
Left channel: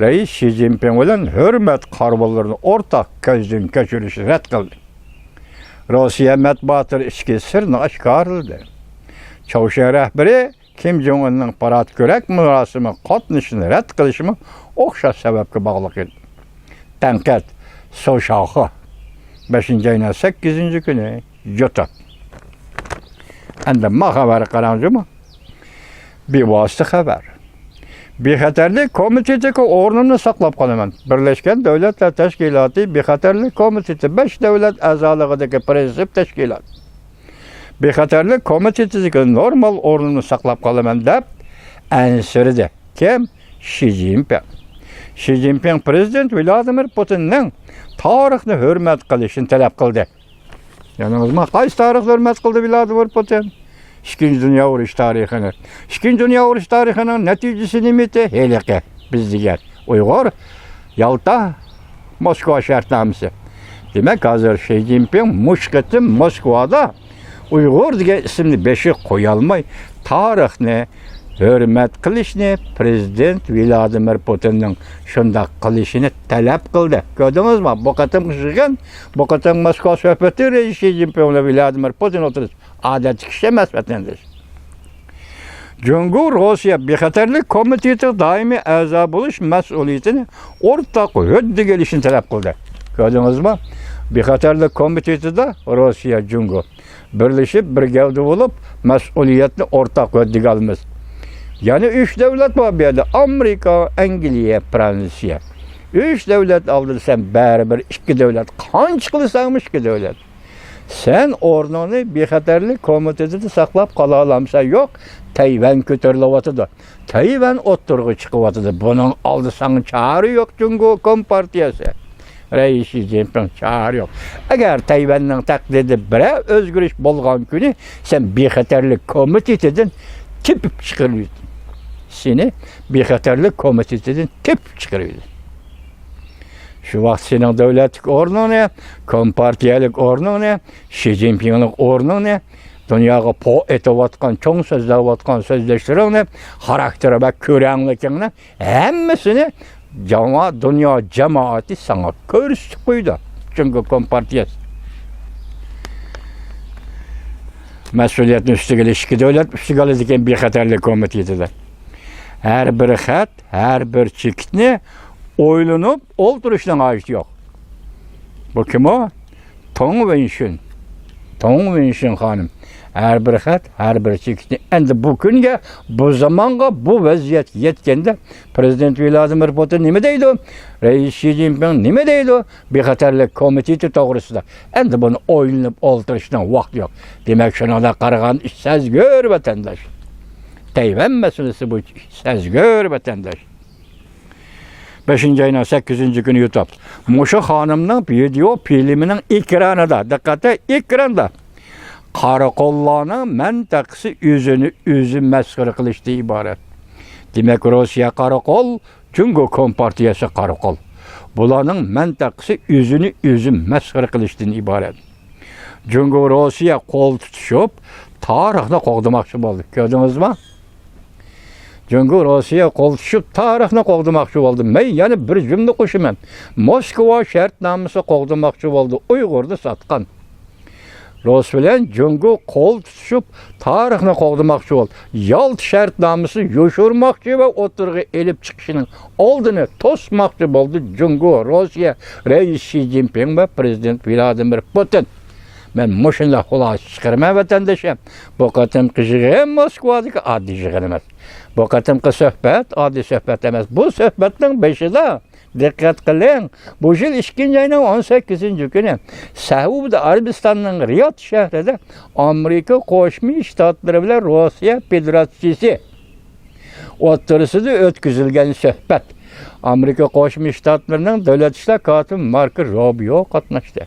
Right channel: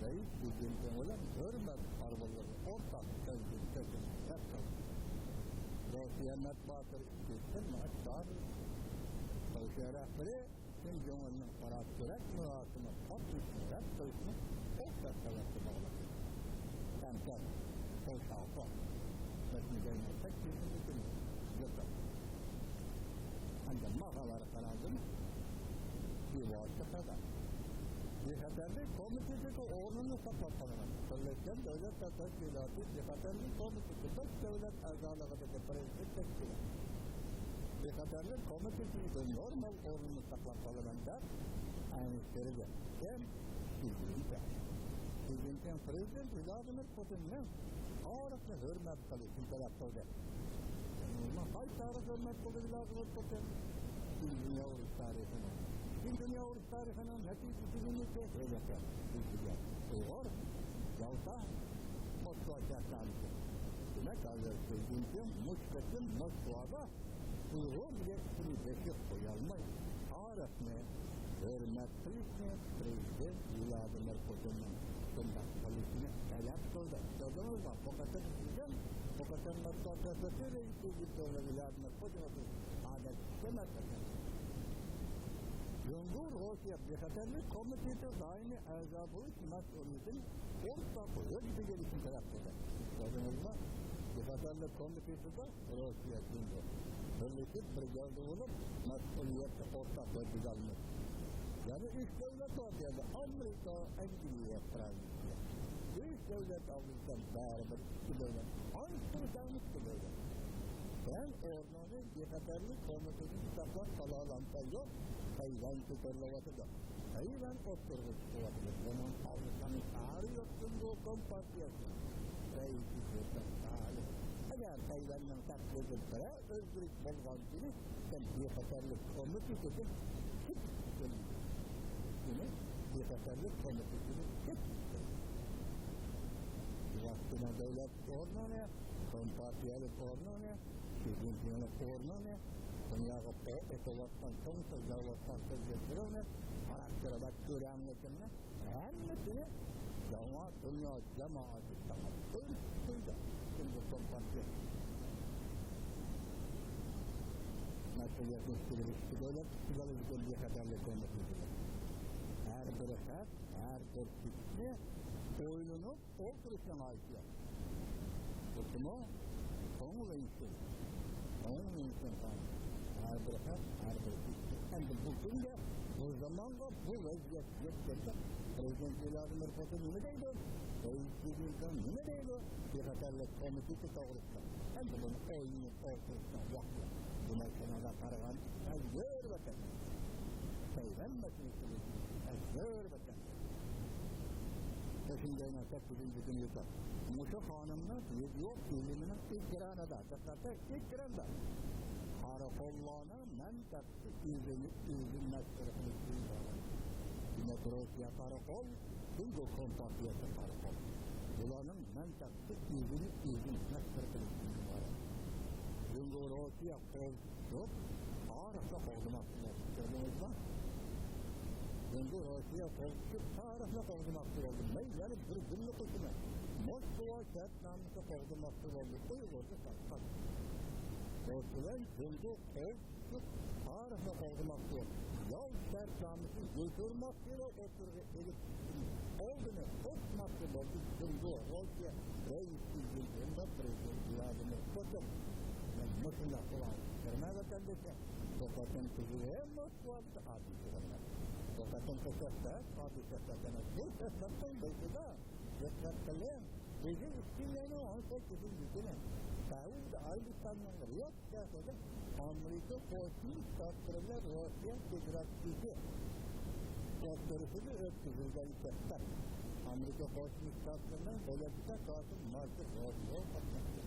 Reis Xi Jinping bilan hurmat qarorlarini o'rtaq ko'zdan kechirishni rad qildi. Rossiya matbuoti ichki sirni oshkor qildi. Chavshan rahbari Kim Jong-unning parad ko'rak murosimi qatnashishini rad qilishimi o'xshash sababga bog'liq edi. Tanqid So'shoxi 5-oyning 8-kuni Yo'ta. Endi ma xabar qaramizmi? Bevosita xabar. Bexatarlik komitetiga o'rnimni saqlab qolaman. Birlashgan Davlatlar Tashkiloti Bexatarlik komiteti 5 davlat a'zoligidagi prinsip tashkilot. Bexatarlik komitetiga normal o'rnimni saqlab qolaman deb ansirdi. Kim? Xi Jinping. Xi Jinping prezident Vladimir Putinning tarixni hurmat qilishini talab qildi. Yaningizmi? Qaysi tarixni hurmat qildi Vladimir Putin? İkinci Dünya Uruş tarixini. İkinci Dünya Uruş tarixinin neticesi nimeti? Helike biz diğer. Uygur, Yalta, Moskva şartnaması. Demek hazır Xi Jinping muşketi Moskva'da Uygur diye isimli beşik koyalmay tarixini hürmet qilishni prezident Vladimir Putinning shunday qilishini talab qildi. Ko'rdingizmi? Bu qatam qilgan, bu qatam Moskva suhbati Xi Jinping bilan Vladimir Putin o'tirdi. Adeti kishi emas vatandosh. Cumhur Rossiya Bexatarlik komiteti doimiy a'zo bo'lish mas'uliyatini o'rtaq huddiga kelishini talab qildi. Ko'rdingizmi? Bexatarlik komitetida Rossiya Cumhur birlashib bir gavda bo'lib mas'uliyatni o'rtaq huddiga olamiz. Yani 3 devlet var bir yerde. Amerika, Angliya, Fransiya. 3 devlet aldırsan beraber 2 devlet. Kaç kılırsanmış 2 devlet. Sen ornunu bexatarlik komitetini saqlab qala alamsan yok. Tayvan ko'tarilyapti. Tayvan o'ttirg'i chiqyapti. Bunun aldısan çağrı yok Cumhur Kompartiyasi. Reis Xi Jinping çağrı yok. Eğer Tayvan'ın taklidi bire özgürlük bolgan günü sen bexatarlik komitetinden tepip çıkarıyorsun. Seni bexatarlik komitetinden tepip çıkarıyorsun. Şu vaqt senin devletlik ornu ne? Kompartiyalik ornu ne? Xi Jinping'lik ornu ne? Dünyaga po etavatkan, çoğun sözlevatkan sözleştiren ne? Karakteri ve körenlikini hemmesini dünya cemaati sana körüstü koydu. Çünkü kompartiyası. Mesuliyetini üstüge iki devlet üstüge diken bexatarlik komitetidir. Her bir xat, her bir çekitini oylanıp olduruşdan ait yok. Bu kim o? Tong Wenxin. Tong Wenxin hanım. Her bir xat, her bir çekitini. Endi bu günge, bu zamanga bu vaziyet yetkende Prezident Vladimir Putin nime deydi? Reis Xi Jinping nime deydi? Bexatarlik komiteti to'g'risida. Endi bunu oylanıp olduruşdan vaqt yok. Demek şuna da qaragan iş sezgör vatandaş. Tayvan meselesi bu sezgör vatandaş. 5-oyning 8-kuni YouTube. Muşa hanımның video filminin ekranida, diqqatga ekranda Qarakollarning mintaqasi o'zi masxara qilishdan iborat. Demak, Rossiya qarakol, Cumhur Kompartiyasi qarakol. Bularning mintaqasi o'zi masxara qilishdan iborat. Cumhur Rossiya qo'l tutishib, tarixni qo'g'damoqchi bo'ldi. Ko'rdingizmi? Cumhur Rossiya qo'l tutishib, tarixni qo'g'damoqchi bo'ldi. Men yana bir jumla qo'shaman. Moskva shartnomasi qo'g'damoqchi bo'ldi. Uyg'urni sotgan. Rus bilan Cumhur qo'l tutishib, tarixni qo'g'damoqchi bo'ldi. Yalt shartnomasi yoshirmoqchi va o'tirg'i elib chiqishining oldini to'smoqchi bo'ldi Cumhur Rossiya Reis Xi Jinping va prezident Vladimir Putin. Men mushunday xulosa chiqarman vatandoshim. Bu qatimki yig'in Moskvadagi oddiy yig'in emas. Bu qatimki suhbat oddiy suhbat emas. Bu suhbatning beshida diqqat qiling. Bu yil 2-oyning 18-kuni Saudiya Arabistonining Riyod shahrida Amerika Qo'shma Shtatlari bilan Rossiya Federatsiyasi o'rtasida o'tkazilgan suhbat. Amerika Qo'shma Shtatlarining davlat ishlar kotibi Marko Rubio qatnashdi.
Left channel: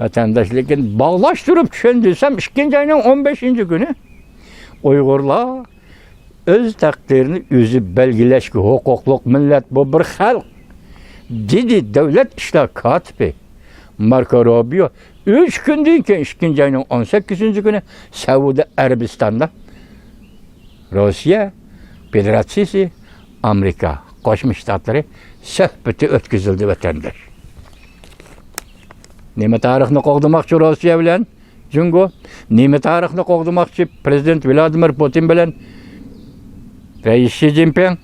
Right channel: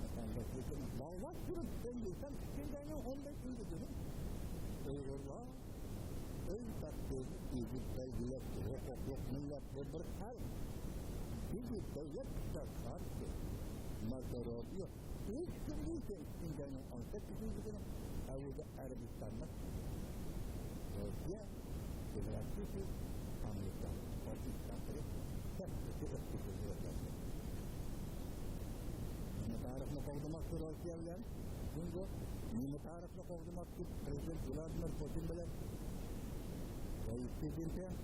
Vatandaşlıkın bağlaştırıp düşündüysem 2-oyning 15-kuni Uyg'urlar öz takdirini özü belgileşki hukukluq millet bu bir xalq dedi devlet işler katibi Marko Rubio 3 günden keyin 2-oyning 18-kuni Saudiya Arabistonda Rossiya Federatsiyasi Amerika Qo'shma Shtatlari söhbeti o'tkazildi vatandaş. Nima tarixni qo'g'dimoqchi Rossiya bilan Jungo, nima tarixni qo'g'dimoqchi prezident Vladimir Putin bilan Rais Xi Jinping?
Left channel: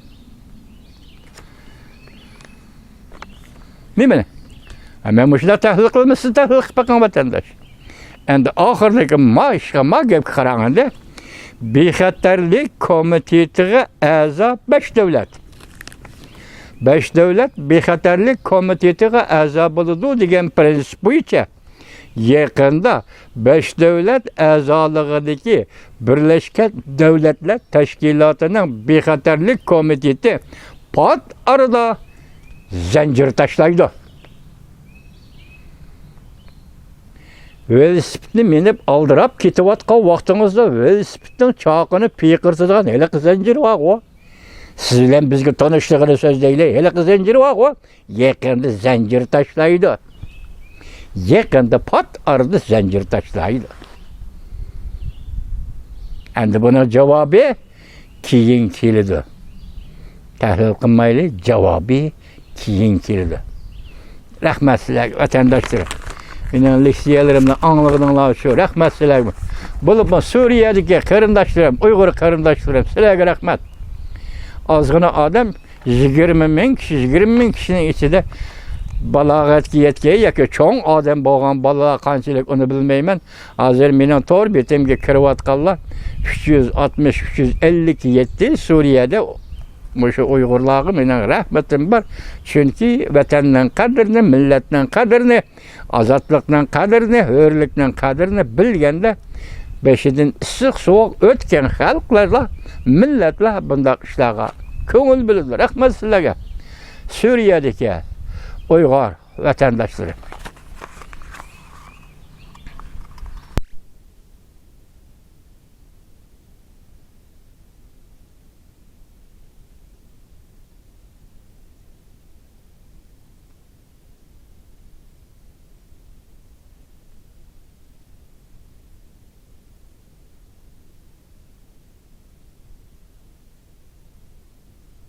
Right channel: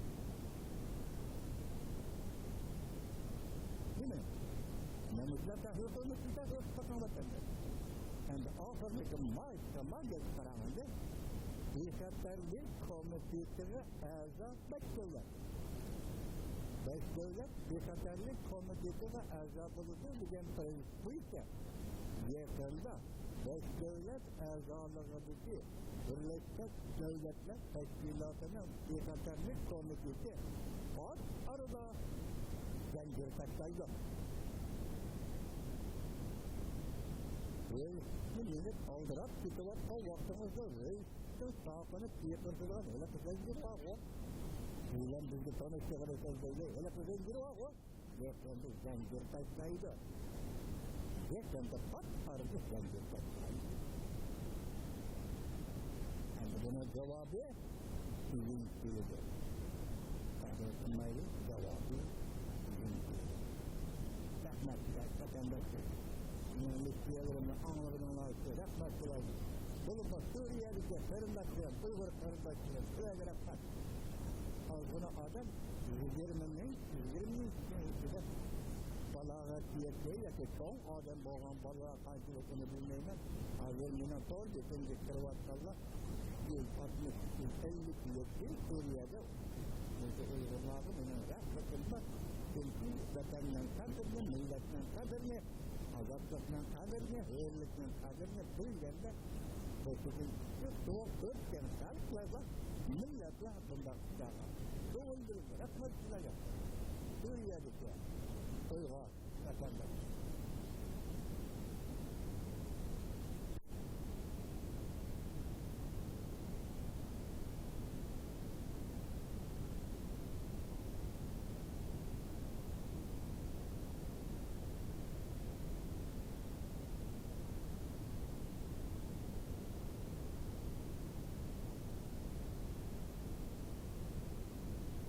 Nima? Men mushlar tahlil qilmasa tahlil qilib bakan vatandaş. Endi oxirgi ma gap qaraganda Bexatarlik komitetiga a'zo 5 davlat. 5 davlat bexatarlik komitetiga a'zo bo'ladi degan prinsip bo'yicha yaqinda 5 davlat a'zoligidagi Birlashgan Davlatlar Tashkilotining bexatarlik komiteti pat arada zanjir tashlaydi. Velosipedni minib aldirab ketayotgan vaqtingizda velosipedning choqini piyqirtadigan haliqi zanjir bor. Siz bilan bizga tanishligini so'zlaylik. Haliqi zanjir bor. Yaqinda zanjir tashlaydi. Yaqinda pat arada zanjir tashlaydi. Endi buni javobi keyin keladi. Tahlil qilmaylik, javobi keyin keladi. Rahmat sizlarga vatandoshlar. Mening leksiyalarimni anglag'ininglar shu. Rahmat sizlarga. Bo'lib Suriyadagi qarindoshlarim, Uyg'ur qarindoshlarim, sizlarga rahmat. Ozgina odam 20 ming kishining ichida balog'atga yetgan yoki cho'ng odam bo'lgan bolalar qanchalik uni bilmayman. Hozir mening to'r betimga kirayotganlar 360-357 Suriyada Muşu Uygurlarga mening rahmatim bor. Chunki vatanning qadrini, millatning qadrini, ozodlikning qadrini, hurlikning qadrini bilganda beshidan issiq sovuq o'tgan xalqlar, millatlar bunday ishlarga ko'ngil biladi. Rahmat sizlarga. Suriyadagi Uyg'ur vatandoshlar